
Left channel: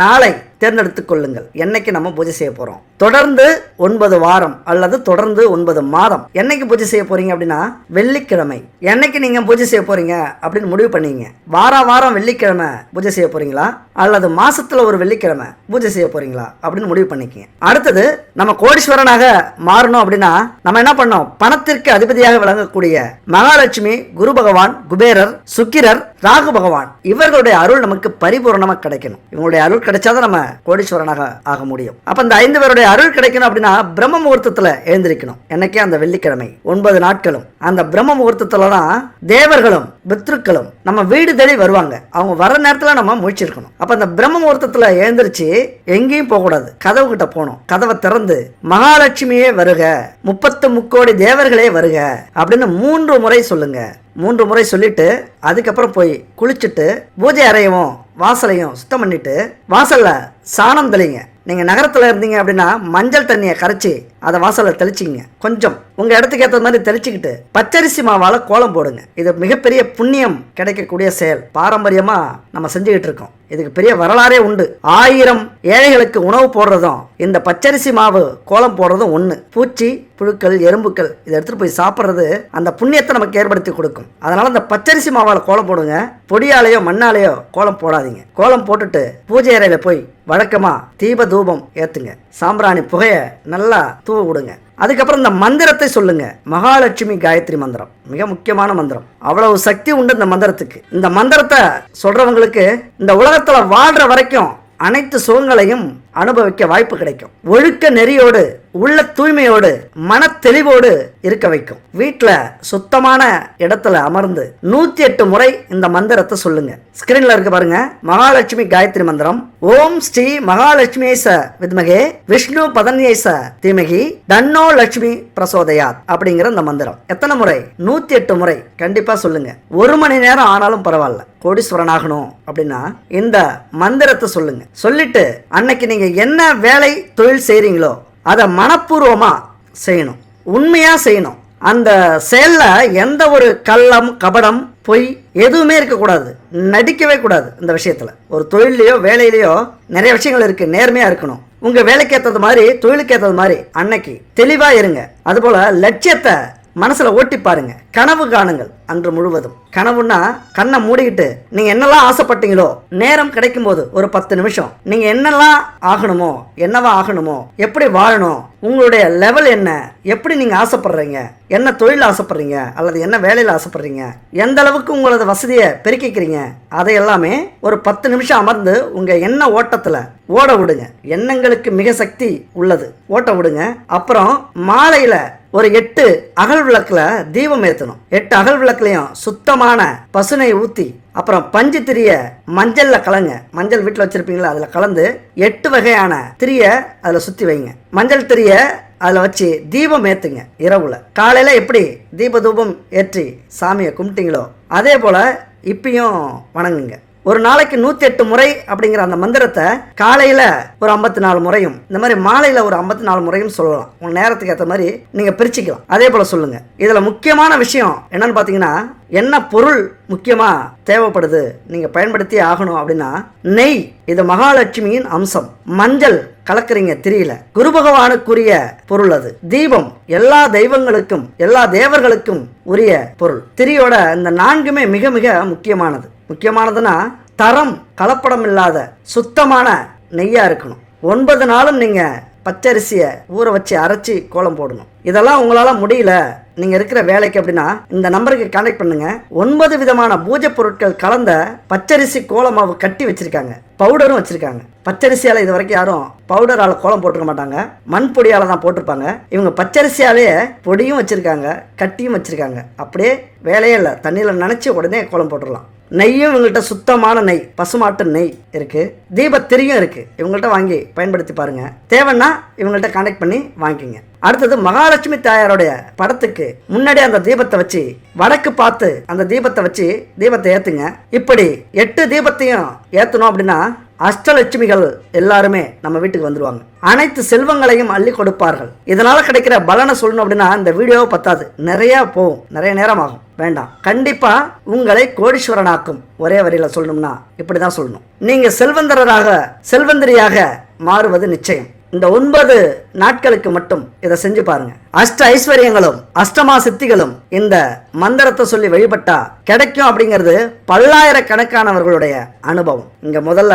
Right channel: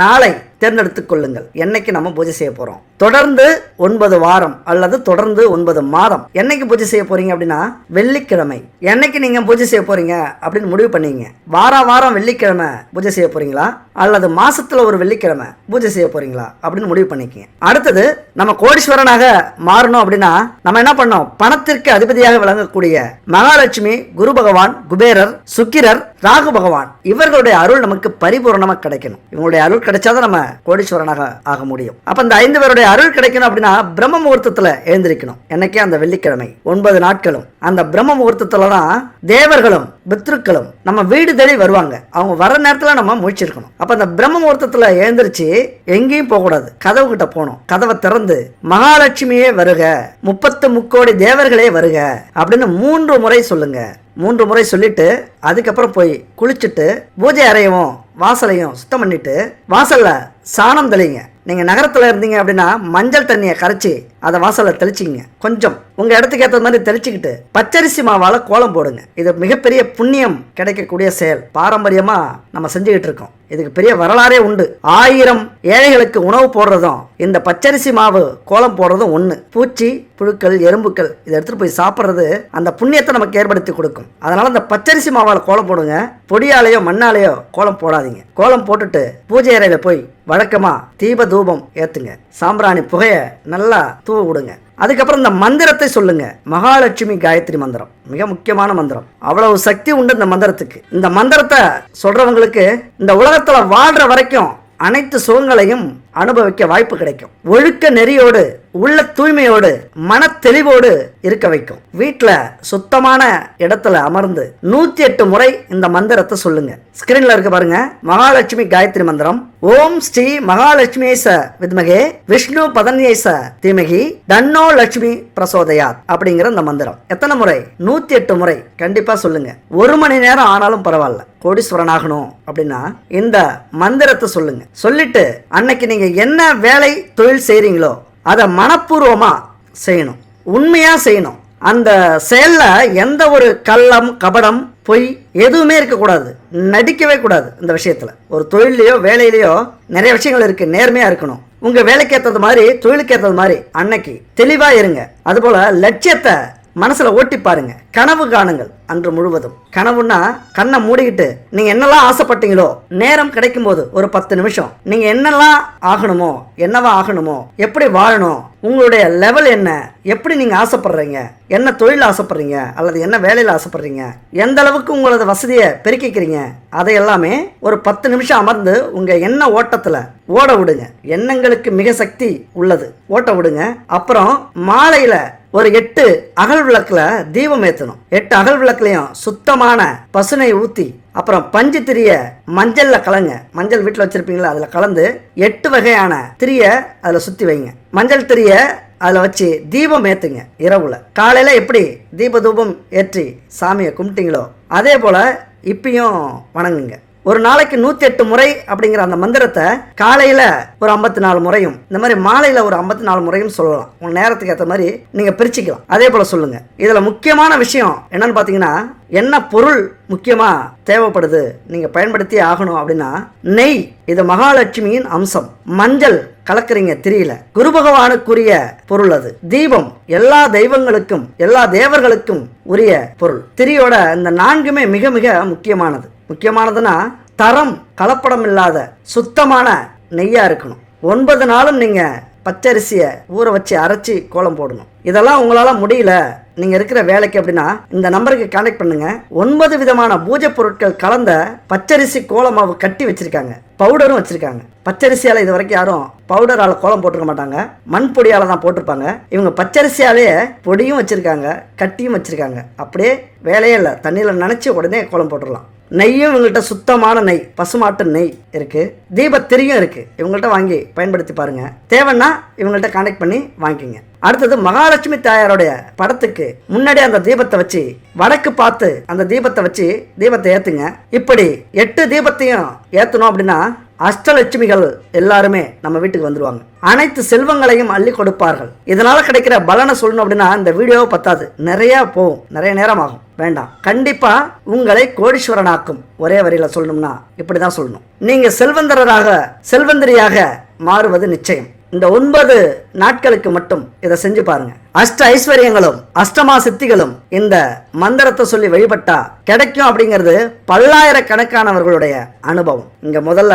நாளை தேர்ந்தெடுத்துக் கொள்ளுங்கள். என்னைக்கு நம்ம பூஜை செய்ய போறோம்? தொடர்ந்து 9 வாரம் அல்லது தொடர்ந்து 9 மாதம் என்னைக்கு பூஜை செய்ய போறீங்க அப்படின்னா வெள்ளிக்கிழமை. என்னைக்கு நீங்க பூஜை செய்ய போறீங்க அப்படின்னு முடிவு பண்ணீங்க. வாரம் வெள்ளிக்கிழமை பூஜை செய்ய போறீங்களா அல்லது மாசத்துல ஒரு வெள்ளிக்கிழமை பூஜை செய்ய போறீங்களா அப்படின்னு முடிவு பண்ணிக்கங்க. அடுத்தது நம்ம கோடீஸ்வரனாக மாறணும் அப்படின்னா நம்ம என்ன பண்ணோம்? பணத்திற்கு அதிபதியாக விளங்கக்கூடிய மகாலட்சுமி, குரு பகவான், குபேரர், சுக்கிரர், ராகு பகவான் இவர்களுடைய அருள் நமக்கு பரிபூர்ணமா கிடைக்கணும். இவங்களுடைய அருள் கிடைச்சாதான் நம்ம கோடீஸ்வரனாக ஆக முடியும். அப்ப இந்த 5 பேருடைய அருள் கிடைக்கணும் அப்படின்னா பிரம்ம முகூர்த்தத்துல எழுந்திருக்கணும். என்னைக்கே அந்த வெள்ளிக்கிழமை 9 நாட்களும் அந்த பிரம்ம முகூர்த்தத்துலதான் தேவர்களும் பித்ருக்களும் நம்ம வீடு தேடி வருவாங்க. அவங்க வர நேரத்துல நம்ம முழிச்சிருக்கணும். அப்ப அந்த பிரம்ம முகூர்த்தத்துல எழுந்திருச்சு எங்கேயும் போக கூடாது. கதவு கிட்ட போனோம். கதவை திறந்து மகாலட்சுமியே வருக, 30 முக்கோடி தேவர்களே வருக அப்படின்னு 3 முறை சொல்லுங்க. 3 முறை சொல்லிட்டு அதுக்கப்புறம் போய் குளிச்சுட்டு பூஜை அறையவும் வாசலையும் சுத்தம் பண்ணிட்டு வாசல்ல சாணம் தெளிங்க. நீங்க நகரத்துல இருந்தீங்க அப்படின்னா மஞ்சள் தண்ணியை கரைச்சி அதை வாசல்ல தெளிச்சிங்க. கொஞ்சம் உங்க இடத்துக்கு ஏற்ற மாதிரி தெளிச்சுக்கிட்டு பச்சரிசி மாவால கோலம் போடுங்க. இது மிகப்பெரிய புண்ணியம் கிடைக்கக்கூடிய செயல். பாரம்பரியமா நம்ம செஞ்சுக்கிட்டு இருக்கோம். இதுக்கு பெரிய வரலாறே உண்டு. 1000 ஏழைகளுக்கு உணவு போடுறதும் இந்த பச்சரிசி மாவு கோலம் போடுறதும் ஒண்ணு. பூச்சி, புழுக்கள், எறும்புக்கள் இதை எடுத்துட்டு போய் சாப்பிட்றது அந்த புண்ணியத்தை நமக்கு ஏற்படுத்தி கொடுக்கும். அதனால இந்த பச்சரிசி மாவால கோலம் போடுங்க. பொடியாலேயோ மண்ணாலேயோ கோலம் போடாதீங்க. கோலம் போட்டுட்டு பூஜை அறையில போய் வழக்கமா தீப தூபம் ஏத்துங்க. சாம்பிராணி புகைய நல்லா தூவ விடுங்க. அதுக்கப்புறம் இந்த மந்திரத்தை சொல்லுங்க. மகாலட்சுமி காயத்ரி மந்திரம் மிக முக்கியமான மந்திரம். அவ்வளவு சக்தி உண்டு இந்த மந்திரத்துக்கு. இந்த மந்திரத்தை சொல்றவங்களுக்கு இந்த உலகத்துல வாழ்ற வரைக்கும் அனைத்து சுகங்களையும் அனுபவிக்க வாய்ப்பு கிடைக்கும். ஒழுக்க நெறியோடு, உள்ள தூய்மையோடு, மன தெளிவோடு இருக்க வைக்கும். வீட்டுல சுத்தமான இடத்துல அமர்ந்து 108 முறை இந்த மந்திரத்தை சொல்லுங்க. ஸ்கிரீன்ல இருக்க பாருங்க. மகாலட்சுமி காயத்ரி மந்திரம். ஓம் ஸ்ரீ மகாலட்சுமி ச வித்மகே விஷ்ணு பதன்யேச தீமகி தன்னோ லட்சுமி பிரசோதயாத் அப்படிங்கிற இந்த மந்திரம் எத்தனை முறை? 108 முறை கண்டிப்பா சொல்லுங்க. 1 மணி நேரம் ஆனாலும் பரவாயில்ல. கோடீஸ்வரன் ஆகணும் அப்படின்னா இந்த மந்திரத்தை சொல்லுங்க. சொல்லிட்டு அன்னைக்கு நீங்க என்ன வேலை தொழில் செய்றீங்களோ அதை மனப்பூர்வமா செய்யணும், உண்மையா செய்யணும். அந்த செயல்ல எந்த ஒரு கள்ளம், கபடம், பொய் எதுவுமே இருக்க கூடாது. நடிக்கவே கூடாது. இந்த விஷயத்துல ஒரு தொழிலையோ வேலையிலயோ நிறைய விஷயங்கள் இருக்கு. நேர்மையா இருக்கணும். உங்க வேலைக்கு ஏற்றது மாதிரி, தொழிலுக்கு ஏற்றது மாதிரி அன்னைக்கு தெளிவா இருங்க. அதுபோல லட்சியத்தை மனசுல ஓட்டி பாருங்க. கனவு காணுங்கள் அன்று முழுவதும். கனவுன்னா கண்ணை மூடிக்கிட்டு நீங்க என்னெல்லாம் ஆசைப்பட்டீங்களோ நேரம் கிடைக்கும் போது ஒரு 10 நிமிஷம் நீங்க என்னெல்லாம் ஆகணுமோ, என்னவா ஆகணுமோ, எப்படி வாழணும், உங்களுடைய லெவல் என்ன, எப்படி நீங்க ஆசைப்படுறீங்க, என்ன தொழில் ஆசைப்படுறீங்க அல்லது என்ன வேலையில ஆசைப்படுறீங்க, எந்த அளவுக்கு உங்களோட வசதியை பெருக்கிக்கிறீங்க, அதை எல்லாமே ஒரு 10 நிமிஷம் அமர்ந்து உங்க எண்ண ஓட்டத்துல ஓட விடுங்க. எண்ணங்களுக்கு மிக சக்தி உள்ளது. ஓட்ட விடுங்க. அப்புறம் மாலையில ஒரு 8 அகல் விளக்குல தீபம் ஏற்றணும். 8 அகல் விளக்குலயும் சுத்தமான பசுனை ஊத்தி அப்புறம் பஞ்சு திரிய மஞ்சள்ல கலங்க. மஞ்சள் வீட்டுல வச்சிருப்பீங்களா, அதுல கலந்து 8 வகையான திரிய அதுல சுத்தி வைங்க. மஞ்சள் திரிய அதுல வச்சு தீபம் ஏத்துங்க. இரவுல காலையில எப்படி தீப தூபம் ஏற்றி சாமியை கும்பிட்டீங்களோ அதே போல இப்பயும் வணங்குங்க. ஒரு நாளைக்கு 108 முறை அப்படிங்கிற அந்த மந்திரத்தை காலையில ஒரு 54 முறையும், இந்த மாதிரி மாலையில ஒரு 54 முறையும் சொல்லலாம். உங்க நேரத்துக்கு ஏற்ற மாதிரி நீங்க பிரிச்சுக்கலாம். அதே போல சொல்லுங்க. இதுல முக்கியமான விஷயம் என்னன்னு பாத்தீங்கன்னா, என்ன பொருள் முக்கியமா தேவைப்படுது நீங்க பயன்படுத்தி ஆகணும் அப்படின்னா நெய். இது மகாலட்சுமியின் அம்சம். மஞ்சள் கலக்குறீங்க திரியில, குரு பகவானுக்குரிய பொருள் அது. தீபம் எல்லா தெய்வங்களுக்கும் எல்லா தேவர்களுக்கும் உரிய பொருள். திரியோட இந்த 4மே மிக மிக முக்கியமானது. முக்கியமானதுன்னா தரம் கலப்படம் இல்லாத சுத்தமான நெய்யா இருக்கணும். 9 நாளும் நீங்க பச்சரிசியை ஊற வச்சு அரைச்சி கோலம் போடணும். இதெல்லாம் உங்களால முடியல நீங்க இருக்கிற வேலைக்கு அப்படின்னா இந்த நம்பருக்கு கான்டாக்ட் பண்ணுங்க. 9 விதமான பூஜை பொருட்கள் கலந்த பச்சரிசி கோலமாவு கட்டி வச்சிருக்காங்க. பவுடரும் வச்சிருக்காங்க. பச்சரிசியால இது வரைக்கும் யாரும் பவுடரால கோலம் போட்டுக்க மாட்டாங்க. மண் பொடியால தான் போட்டிருப்பாங்க. இவங்க பச்சரிசியாலே பொடியும் வச்சிருக்காங்க, கட்டியும் வச்சிருக்காங்க. அப்படியே வேலையே இல்லை. தண்ணியில நினைச்சு உடனே கோலம் போட்டுடலாம். நெய்யும் இவங்கள்ட்ட சுத்தமான நெய், பசுமாட்டு நெய் இருக்கு. தீபத்திரியும் இருக்கு. இவங்கள்ட்ட வாங்கி பயன்படுத்தி பாருங்க. தேவைன்னா இவங்கள்ட்ட கான்டாக்ட் பண்ணி வாங்கிக்கோங்க. அடுத்தது மகாலட்சுமி தாயாருடைய படத்துக்கு முன்னாடி அந்த தீபத்தை வச்சு வடக்கு பார்த்து அந்த தீபத்தை வச்சு தீபத்தை ஏத்துங்க. இப்படி 8 தீபத்தையும் ஏத்தணும் அப்படின்னா அஷ்டலட்சுமிகள் எல்லாருமே நம்ம வீட்டுக்கு வந்துருவாங்க. அனைத்து செல்வங்களையும் அள்ளி கொடுப்பார்கள். இதனால கிடைக்கிற பலனை சொல்லணும் அப்படின்னா இந்த வீடியோவை பத்தாது, நிறைய போகும், நிறைய நேரம் ஆகும், வேண்டாம். கண்டிப்பா உங்களை கோடீஸ்வரனாக்கும். ஒரே வரியில சொல்லணும்னா இப்படிதான் சொல்லணும். நீங்க செல்வந்தரியாக மாறுவது நிச்சயம். இந்த 9 நாட்களுக்கு மட்டும் இதை செஞ்சு பாருங்க. அஷ்ட ஐஸ்வர்யங்களும் அஷ்டமா சித்திகளும் இந்த மந்திரத்தை சொல்லி வழிபட்டா கிடைக்கும் அப்படிங்கிறது பல்லாயிரக்கணக்கானவர்களுடைய அனுபவம். இங்க முதல்ல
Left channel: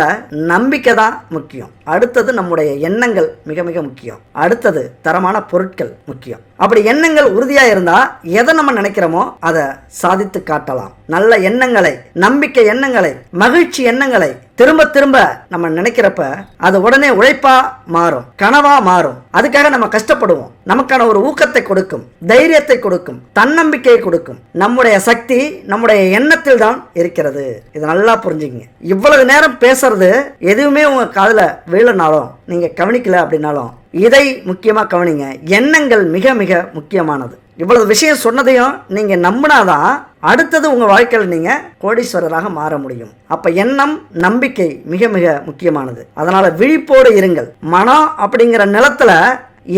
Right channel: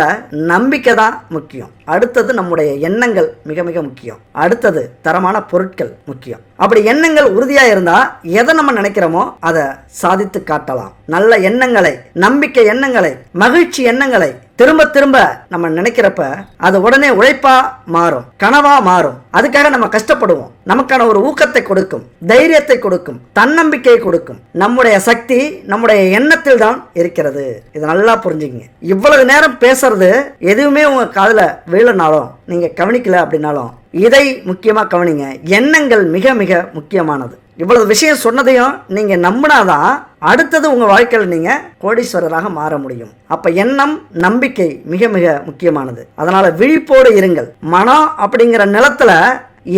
நம்பிக்கை தான் முக்கியம். அடுத்தது நம்முடைய எண்ணங்கள் மிக மிக முக்கியம். அடுத்தது தரமான பொருட்கள் முக்கியம். அப்படி எண்ணங்கள் உறுதியா இருந்தா எதை நம்ம நினைக்கிறோமோ அதை சாதித்து காட்டலாம். நல்ல எண்ணங்களை, நம்பிக்கை எண்ணங்களை, மகிழ்ச்சி எண்ணங்களை திரும்ப திரும்ப நம்ம நினைக்கிறப்ப அது உடனே உழைப்பா மாறும், கனவா மாறும். அதுக்காக நம்ம கஷ்டப்படுவோம். நமக்கான ஒரு ஊக்கத்தை கொடுக்கும், தைரியத்தை கொடுக்கும், தன்னம்பிக்கையை கொடுக்கும். நம்முடைய சக்தி நம்முடைய எண்ணத்தில் தான் இருக்கிறது. இதை நல்லா புரிஞ்சுக்கங்க. இவ்வளவு நேரம் பேசுறது எதுவுமே உங்க காதுல விழனாலும், நீங்க கவனிக்கல அப்படின்னாலும் இதை முக்கியமா கவனிங்க. எண்ணங்கள் மிக மிக முக்கியமானது. இவ்வளவு விஷயம் சொன்னதையும் நீங்க நம்பினாதான் அடுத்தது உங்க வாழ்க்கையில் நீங்க கோடீஸ்வரராக மாற முடியும். அப்ப எண்ணம், நம்பிக்கை மிக மிக முக்கியமானது. அதனால விழிப்போடு இருங்கள். மனம் அப்படிங்கிற நிலத்துல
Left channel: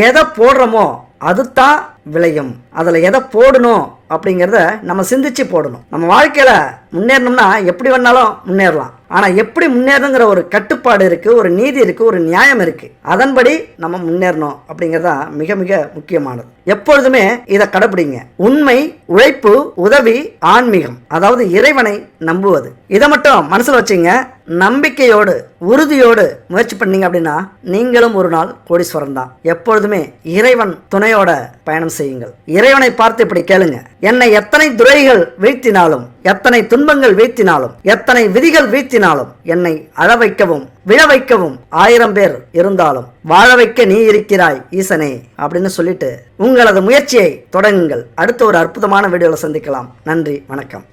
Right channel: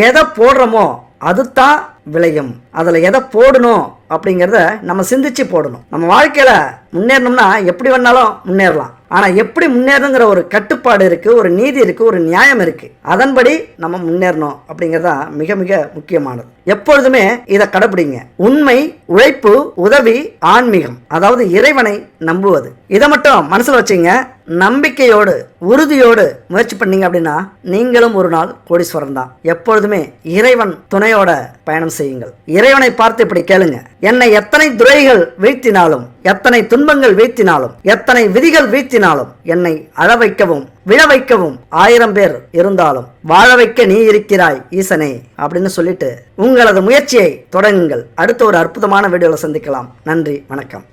எதை போடுறோமோ அதுதான் விளையும். அதுல எதை போடணும் அப்படிங்கறத நம்ம சிந்திச்சு போடணும். நம்ம வாழ்க்கையில முன்னேறணும்னா எப்படி வேணாலும் முன்னேறலாம். ஆனா எப்படி முன்னேறணுங்கிற ஒரு கட்டுப்பாடு இருக்கு, ஒரு நீதி இருக்கு, ஒரு நியாயம் இருக்கு. அதன்படி நம்ம முன்னேறணும் அப்படிங்கறதா மிக மிக முக்கியமானது. எப்பொழுதுமே இதை கடைபிடிங்க. உண்மை, உழைப்பு, உதவி, ஆன்மீகம், அதாவது இறைவனை நம்புவது. இதை மட்டும் மனசுல வச்சுங்க. நம்பிக்கையோடு உறுதியோடு முயற்சி பண்ணீங்க அப்படின்னா நீங்களும் ஒரு நாள் கோடீஸ்வரன் தான். எப்பொழுதுமே இறைவன் துணையோட பயணம் செய்யுங்கள். இறைவனை பார்த்து இப்படி கேளுங்க. என்னை எத்தனை துரைகள் வீழ்த்தினாலும், எத்தனை துன்பங்கள் வீழ்த்தினாலும், எத்தனை விதிகள் வீழ்த்தினாலும், என்னை அழ வைக்கவும் விழ வைக்கவும் 1000 பேர் இருந்தாலும் வாழ வைக்க நீ இருக்கிறாய் ஈசனே அப்படின்னு சொல்லிட்டு உங்களது முயற்சியை தொடங்குங்கள். அடுத்த ஒரு அற்புதமான வீடியோல சந்திக்கலாம். நன்றி, வணக்கம்.